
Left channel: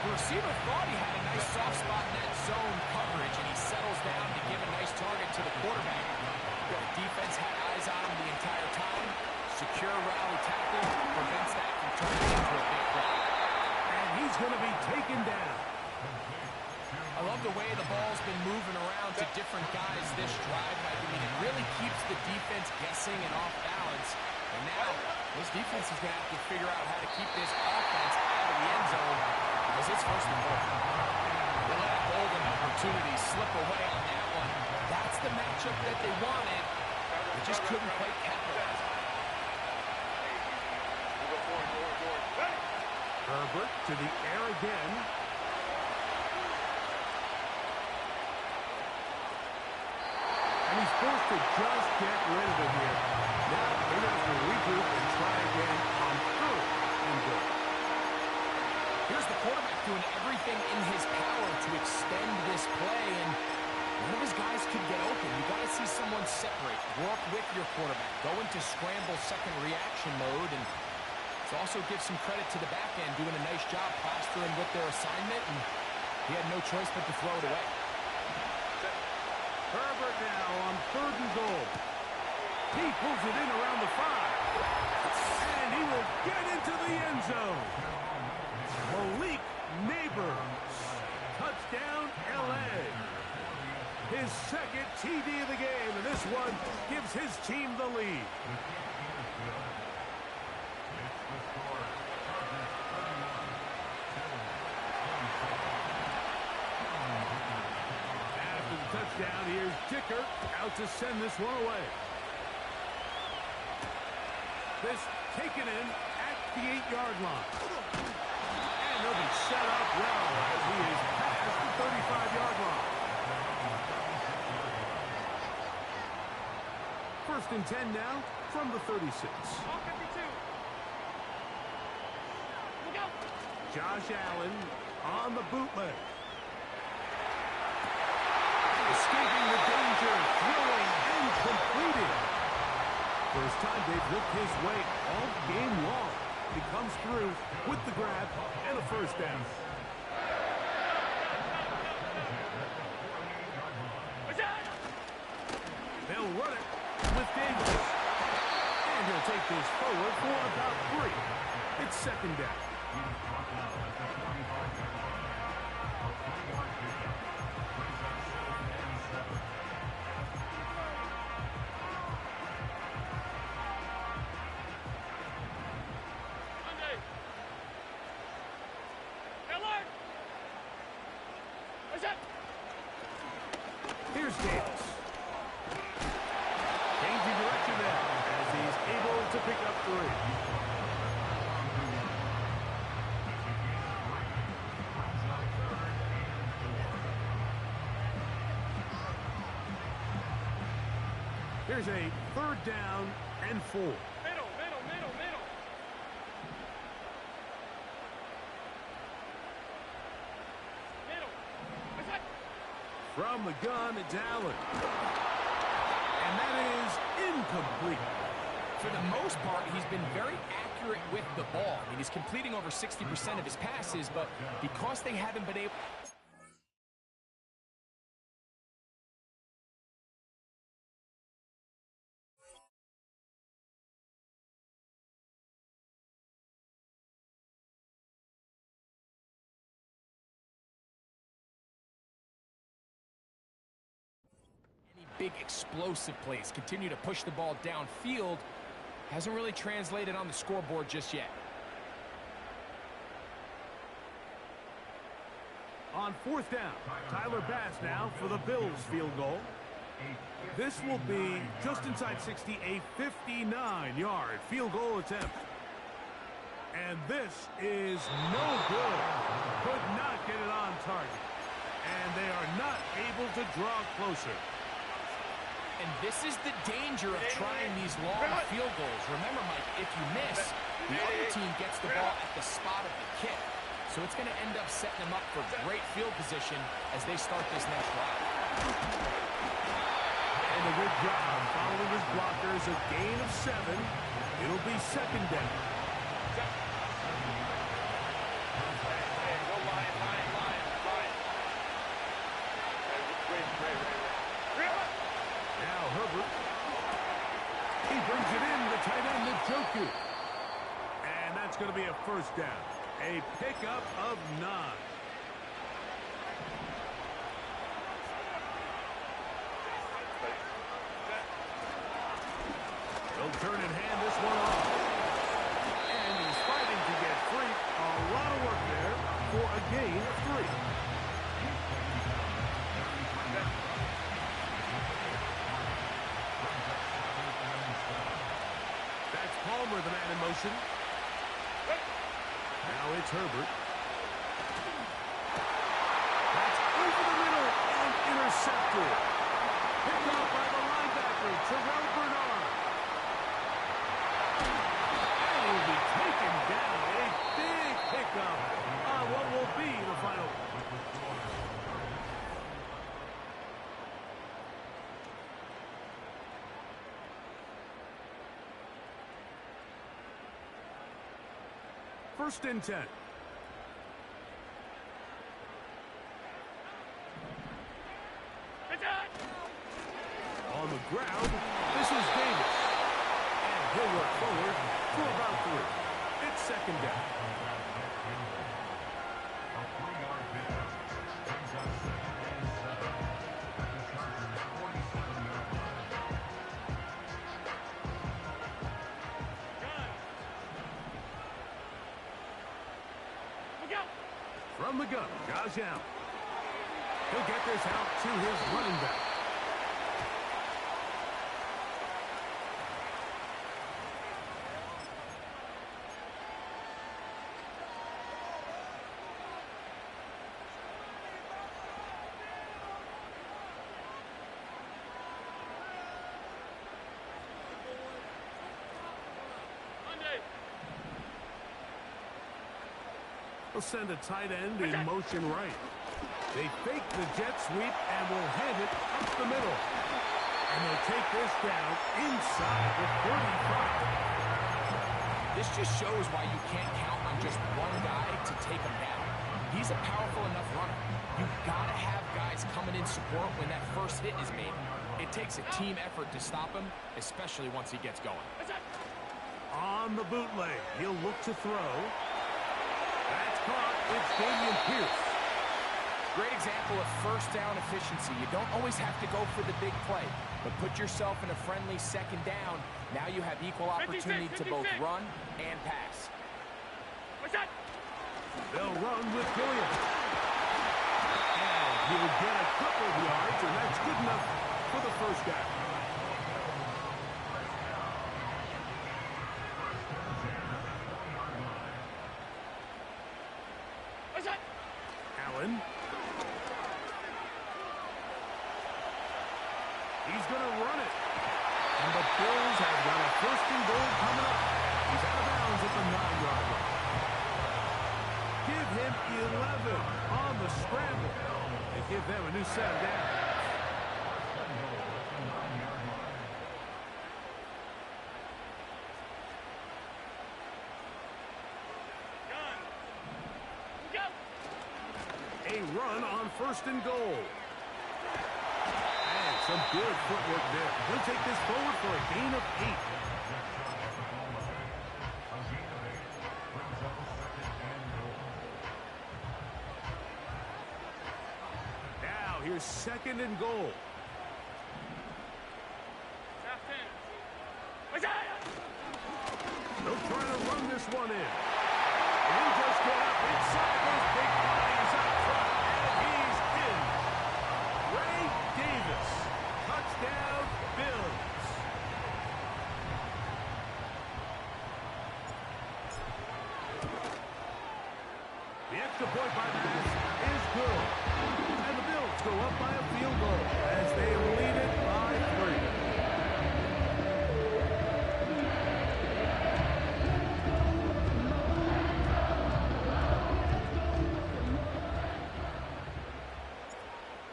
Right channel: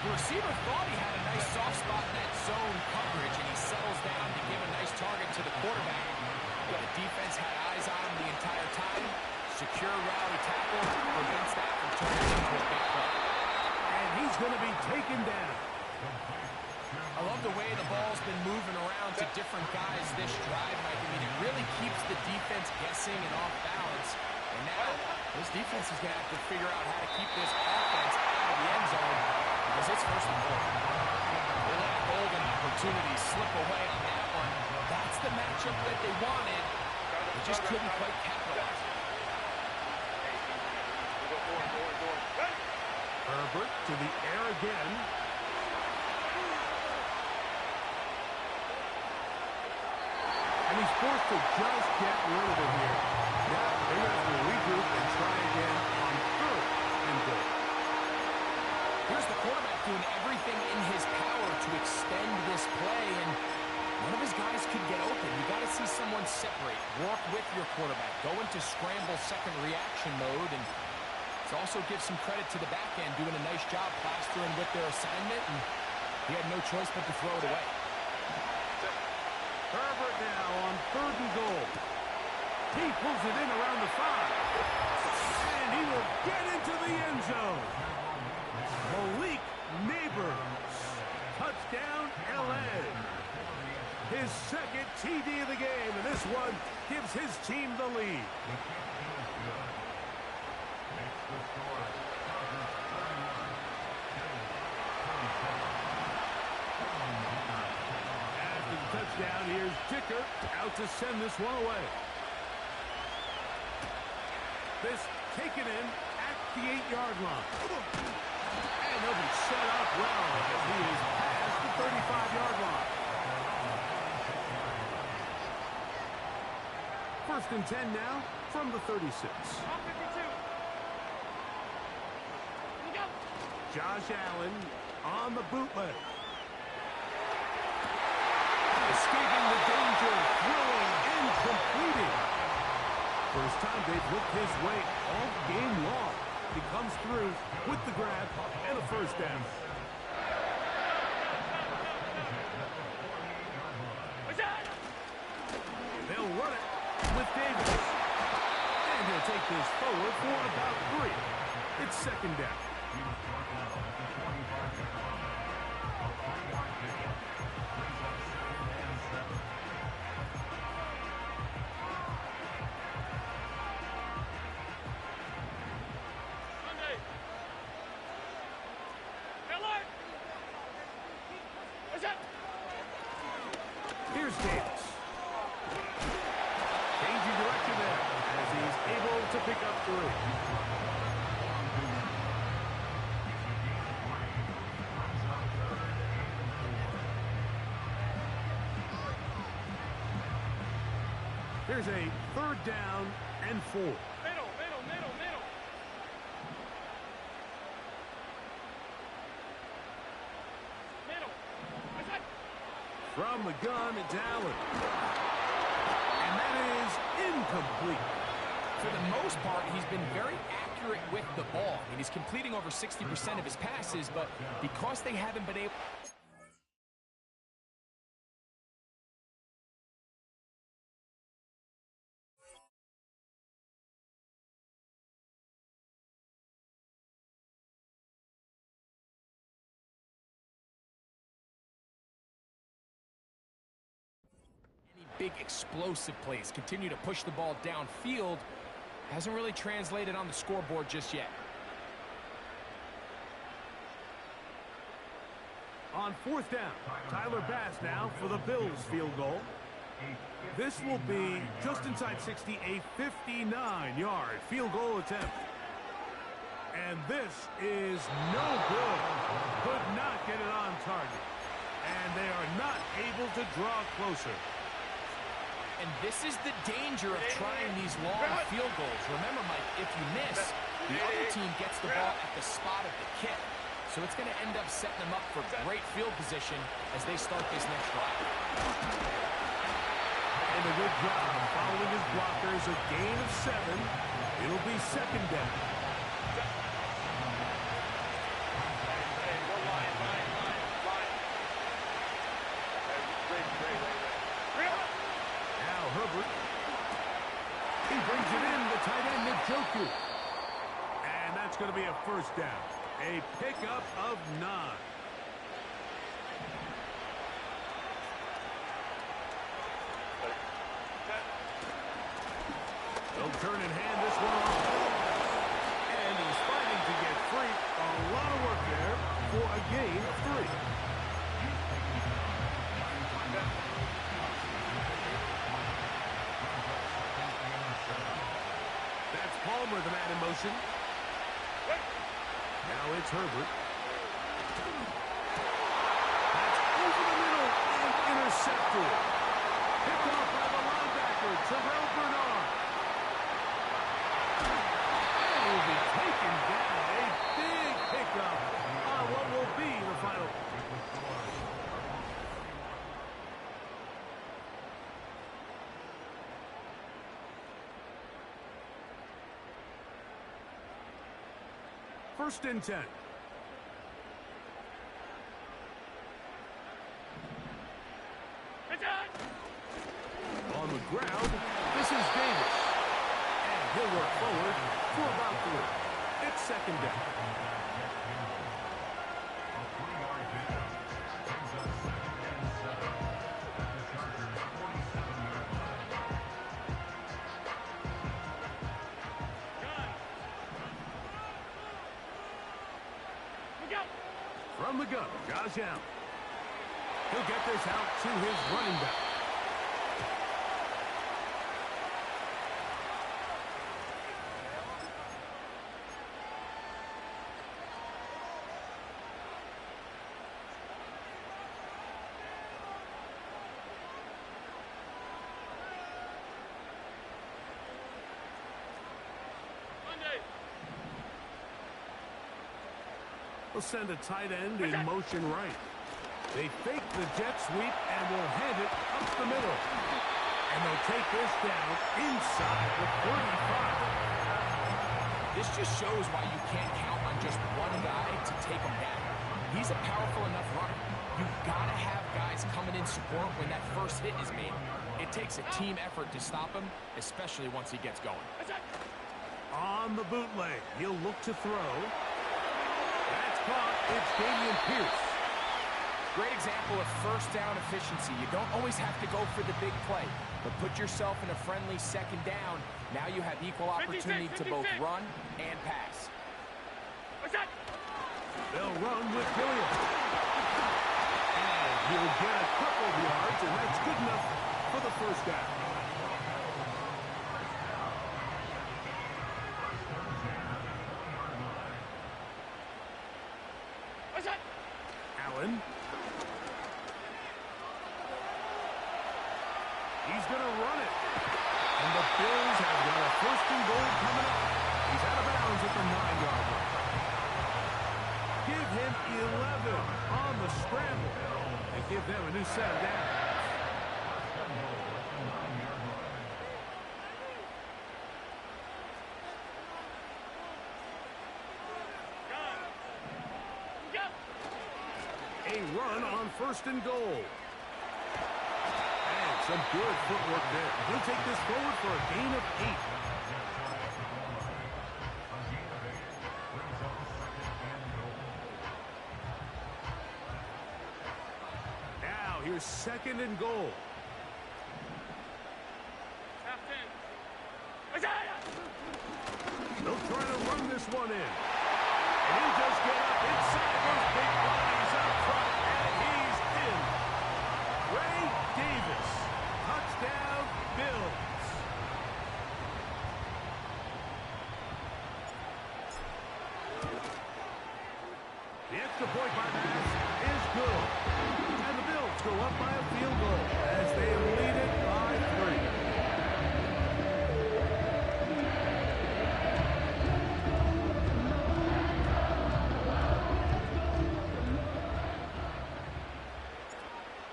The receiver thought he had a nice soft spot in that zone coverage, and he settles down to give a nice target to the quarterback. The defense had eyes on him the entire time. Secure rally tackle prevents that from turning into a big play. And he's going to be taken down. I love the way the ball's been moving around to different guys this drive, Mike. I mean, it really keeps the defense guessing and off balance. And now, this defense is going to have to figure out how to keep this offense out of the end zone because it's 1st and goal. They let a golden opportunity slip away on that one. That's the matchup that they wanted. They just couldn't quite capitalize on it. Herbert to the air again. And he's forced to just get rid of it here. Now they're going to have to regroup and try again on 3rd and goal. Here's the quarterback doing everything in his power to extend this play, and one of his guys could get open. You got to see someone separate, work with your quarterback, go into scramble second reaction mode, and to also give some credit to the back end, doing a nice job plastering with their assignment, and he had no choice but to throw it away. Herbert now on 3rd and goal. He pulls it in around the 5. And he will get into the end zone. Malik Neighbors. Touchdown, L.A. His 2nd TD of the game, and this one gives his team the lead. After the touchdown, here's Dicker out to send this one away. This taken in at the 8-yard line. And they'll be set up well as he is past the 35-yard line. First and 10 now from the 36. On 52. Look out. Josh Allen on the bootleg. Escaping the danger, throwing and completing. First time they've looked his way all game long. He comes through with the grab and a first down. They'll run it with Davis. And he'll take this forward for about 3. It's second down. Here's Davis. Changing direction there as he's able to pick up 3. Here's a third down and 4. Middle. From the gun, it's Allen. And that is incomplete. For the most part, he's been very accurate with the ball. I mean, he's completing over 60% of his passes, but because they haven't been able... big explosive plays, continue to push the ball downfield, hasn't really translated on the scoreboard just yet. On fourth down, Tyler Bass now for the Bills field goal. This will be just inside 60, a 59-yard field goal attempt. And this is no good. Could not get it on target. And they are not able to draw closer. And this is the danger of trying these long field goals. Remember, Mike, if you miss, the other team gets the ball at the spot of the kick. So it's going to end up setting them up for great field position as they start this next drive. And a good job following his blockers, a gain of 7. It'll be second down. Go line. Now Herbert. He brings it in, the tight end, Njoku. And that's going to be a first down. A pickup of 9. They'll turn and hand this one off. And he's fighting to get free. A lot of work there for a gain of 3. That's Palmer, the man in motion. Now it's Herbert. That's over the middle and intercepted. Picked off by the linebacker, Terrell Bernard. And he'll be taken down. A big pickup on what will be the final. First and 10. On the ground, this is Davis. And he'll work forward for about 3. It's second down. From the gun, Josh Allen. He'll get this out to his running back. They'll send a tight end in motion right. They fake the jet sweep and will hand it up the middle. And they'll take this down inside the 35. This just shows why you can't count on just one guy to take him down. He's a powerful enough runner. You've got to have guys coming in support when that first hit is made. It takes a team effort to stop him, especially once he gets going. On the bootleg, he'll look to throw. That's caught. It's Dameon Pierce. Great example of first down efficiency. You don't always have to go for the big play, but put yourself in a friendly second down. Now you have equal opportunity to both run and pass. They'll run with Gilliam. And he'll get a couple of yards, and that's good enough for the first down. Allen. He's going to run it. And the Bills have got a first and goal coming up. He's out of bounds at the 9-yard line. Give him 11 on the scramble. And give them a new set of downs. A run on first and goal. And some good footwork there. He'll take this forward for a gain of 8. Now here's second and goal. They'll try to run this one in. And he'll just get up inside those big bodies up front, and he's in. Ray Davis, touchdown, Bills. The extra point by Bass is good. And the Bills go up by a field goal as they lead it by 3.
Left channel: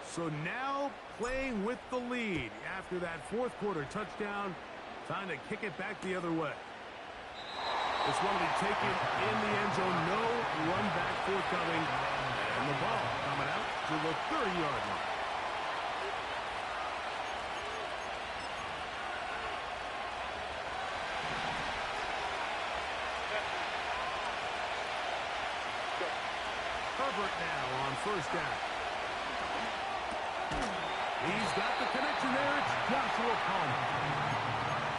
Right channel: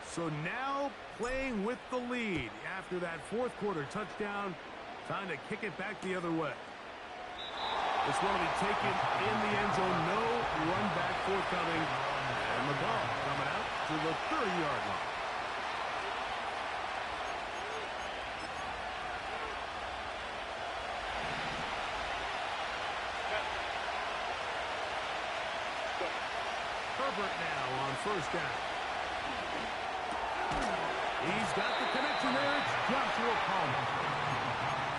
So now playing with the lead after that fourth quarter touchdown. Time to kick it back the other way. This one will be taken in the end zone. No run back forthcoming. And the ball coming out to the 30-yard line. Herbert now on first down. He's got the connection there. It's Joshua Palmer.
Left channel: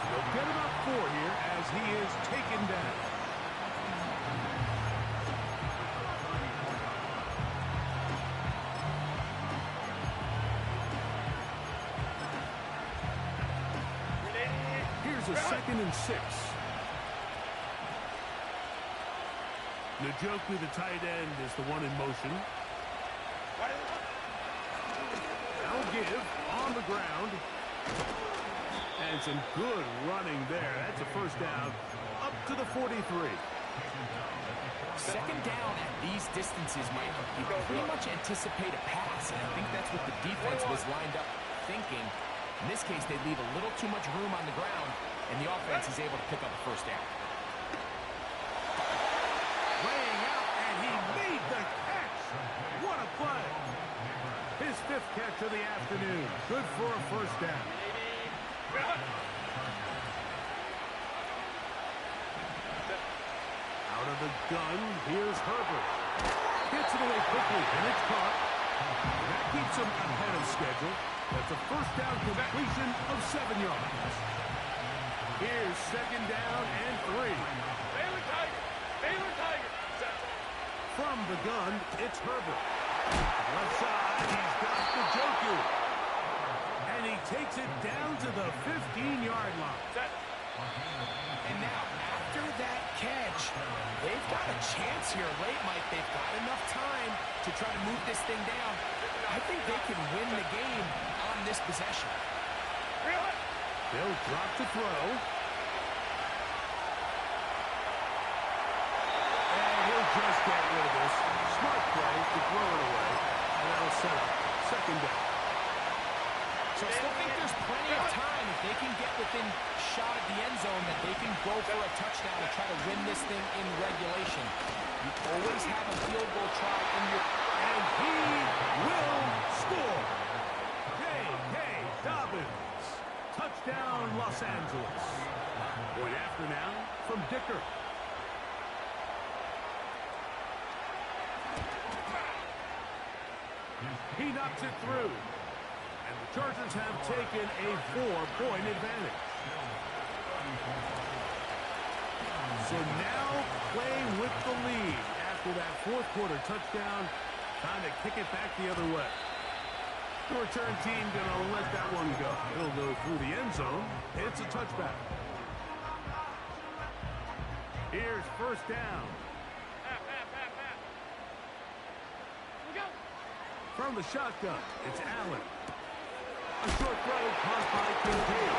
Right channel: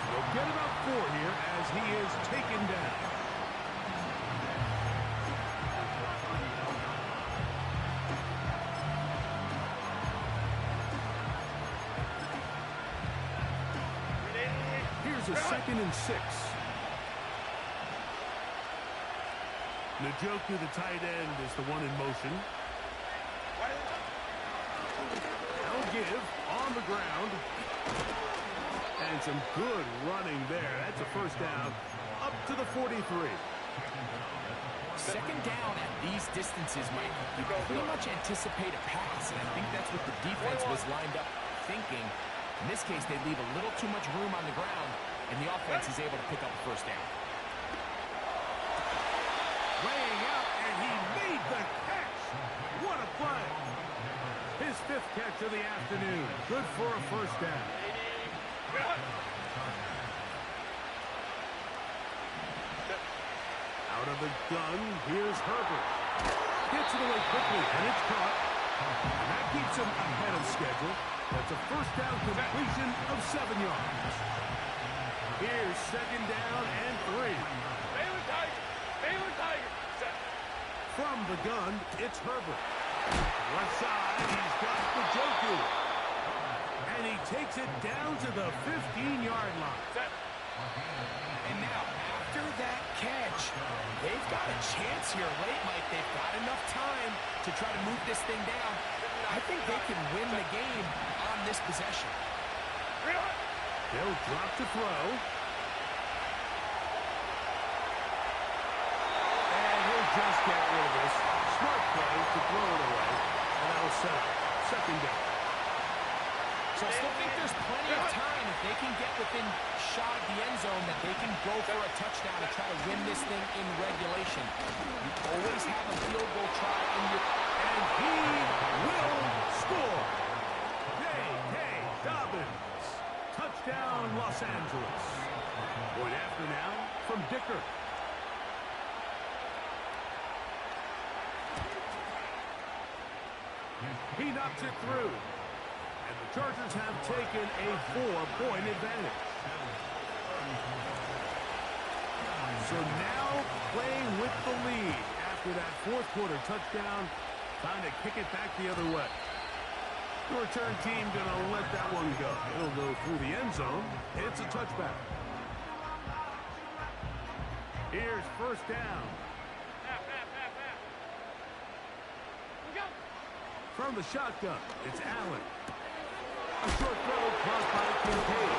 He'll get about 4 here as he is taken down. Here's a 2nd and 6. Njoku, the tight end, is the one in motion. Give on the ground. And some good running there. That's a first down up to the 43. Second down at these distances, Mike, you pretty much anticipate a pass, and I think that's what the defense was lined up thinking. In this case, they leave a little too much room on the ground, and the offense is able to pick up a first down. Laying out, and he made the catch. What a play. His 5th catch of the afternoon. Good for a first down. Out of the gun, here's Herbert. Gets it away quickly, and it's caught. And that keeps him ahead of schedule. That's a first down completion of 7 yards. Here's second down and 3. Baylor Tiger. Baylor Tiger. From the gun, it's Herbert. Left side, he's got the Njoku. And he takes it down to the 15-yard line. And now, after that catch, they've got a chance here late, Mike. They've got enough time to try to move this thing down. I think they can win the game on this possession. They'll drop to throw. And he'll just get rid of this. Smart play to throw it away, and that'll set up second down. So I still think there's plenty of time if they can get within shot at the end zone that they can go for a touchdown and try to win this thing in regulation. You always have a field goal try in your... And he will score. J.K. Dobbins. Touchdown, Los Angeles. Point after now from Dicker. He knocks it through. And the Chargers have taken a 4-point advantage. So now playing with the lead after that fourth quarter touchdown. Time to kick it back the other way. The return team gonna let that one go. It'll go through the end zone. It's a touchback. Here's first down. From the shotgun, it's Allen. A short throw caught by Kincaid.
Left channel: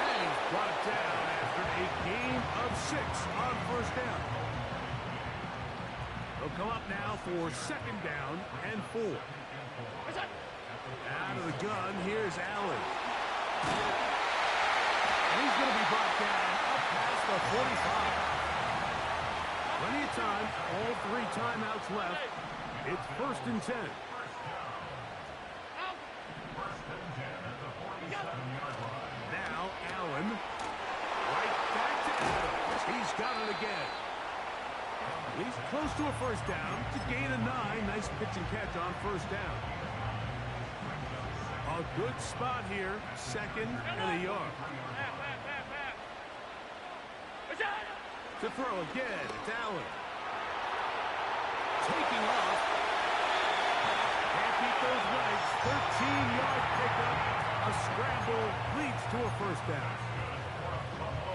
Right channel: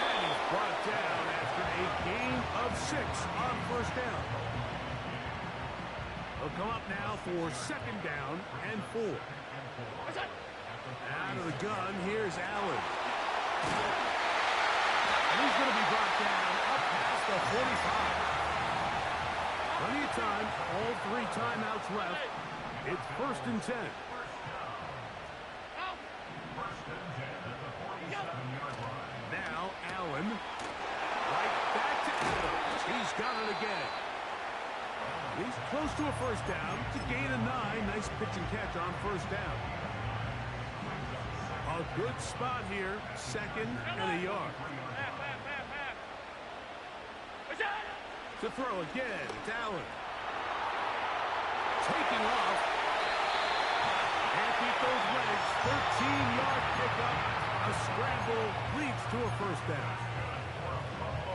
And he's brought down after a gain of 6 on first down. They'll come up now for second down and 4. Out of the gun, here's Allen. And he's going to be brought down up past the 45. Plenty of time, all 3 timeouts left. It's first and 10. Now Allen, right back to Adams. He's got it again. He's close to a first down. It's a gain of 9. Nice pitch and catch on first down. A good spot here. Second and a yard. To throw again, it's Allen. Taking off. Can't beat those legs. 13-yard pickup. A scramble leads to a first down.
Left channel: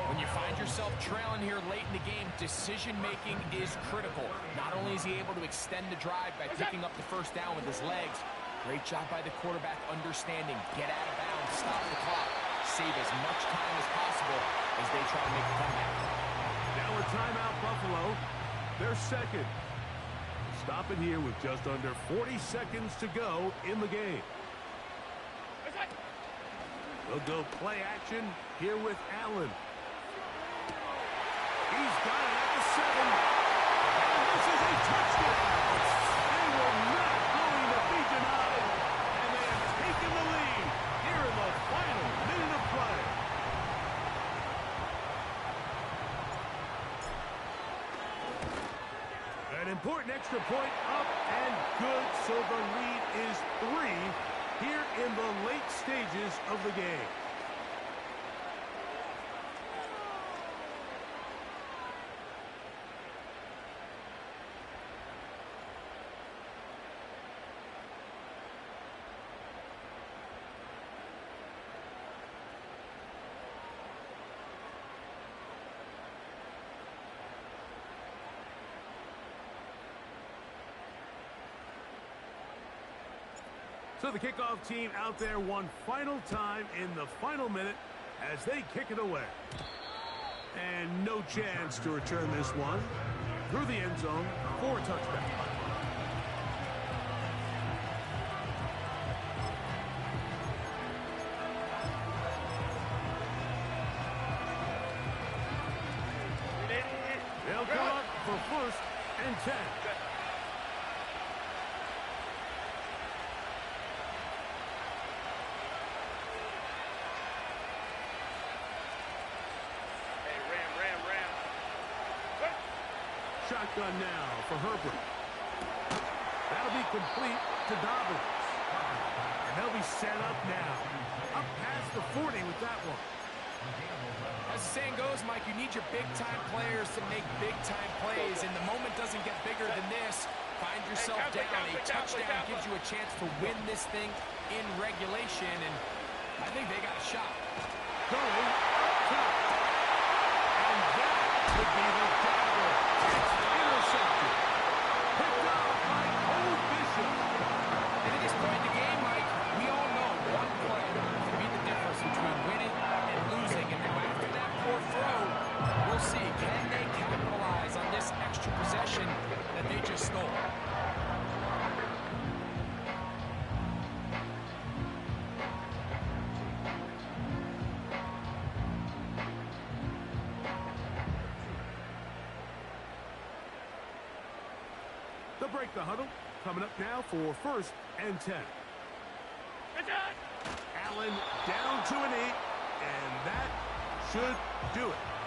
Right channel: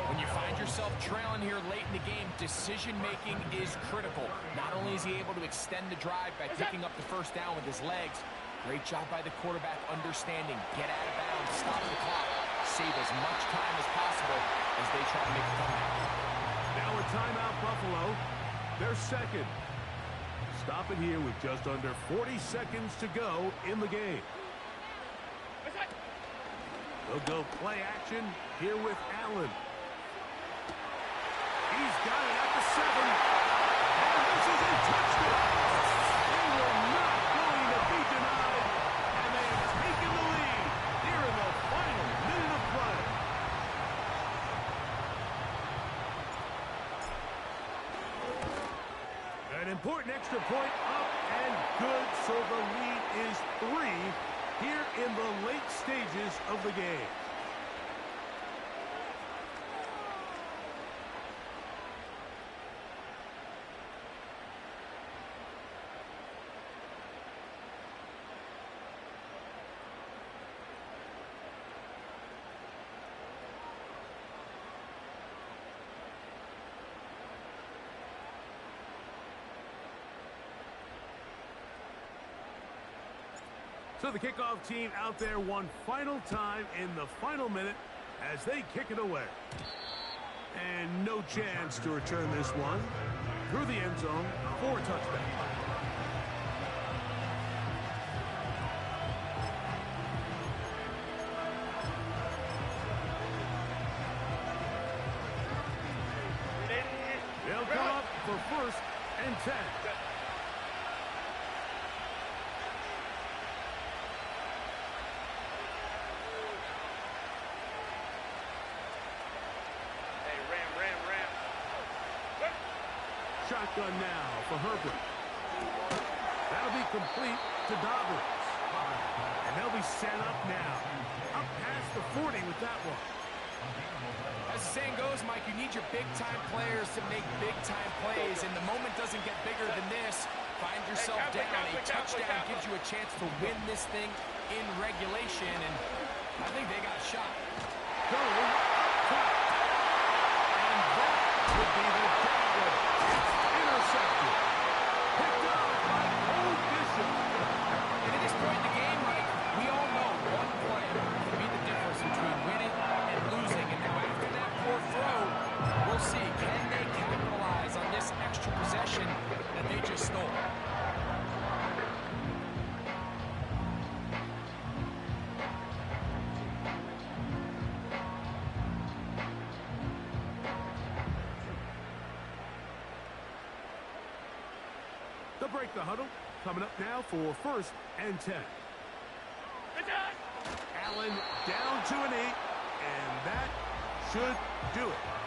When you find yourself trailing here late in the game, decision-making is critical. Not only is he able to extend the drive by picking up the first down with his legs, great job by the quarterback understanding, get out of bounds, stop the clock, save as much time as possible as they try to make a comeback. Now a timeout, Buffalo. They're second. Stop it here with just under 40 seconds to go in the game. They'll go play action here with Allen. He's got it at the 7. And this is a touchdown. They were not going to be denied. And they have taken the lead here in the final minute of play. An important extra point up and good. So the lead is 3 here in the late stages of the game. So the kickoff team out there one final time in the final minute as they kick it away. And no chance to return this one through the end zone for a touchback. They'll come up for first and 10. Shotgun now for Herbert. That'll be complete to Dobbins. And they'll be set up now. Up past the 40 with that one. As the saying goes, Mike, you need your big-time players to make big-time plays, and the moment doesn't get bigger than this. Find yourself down. A touchdown gives you a chance to win this thing in regulation, and I think they got a shot. Going up top. And that would be the dagger. It's intercepted. Picked up by Cole Bishop. And at this point in the game, Mike, we all know one play can be the difference between winning and losing. And now after that poor throw, we'll see. Can they capitalize on this extra possession break the huddle. Coming up now for 1st and 10. Attack! Allen down to a knee, and that should do it.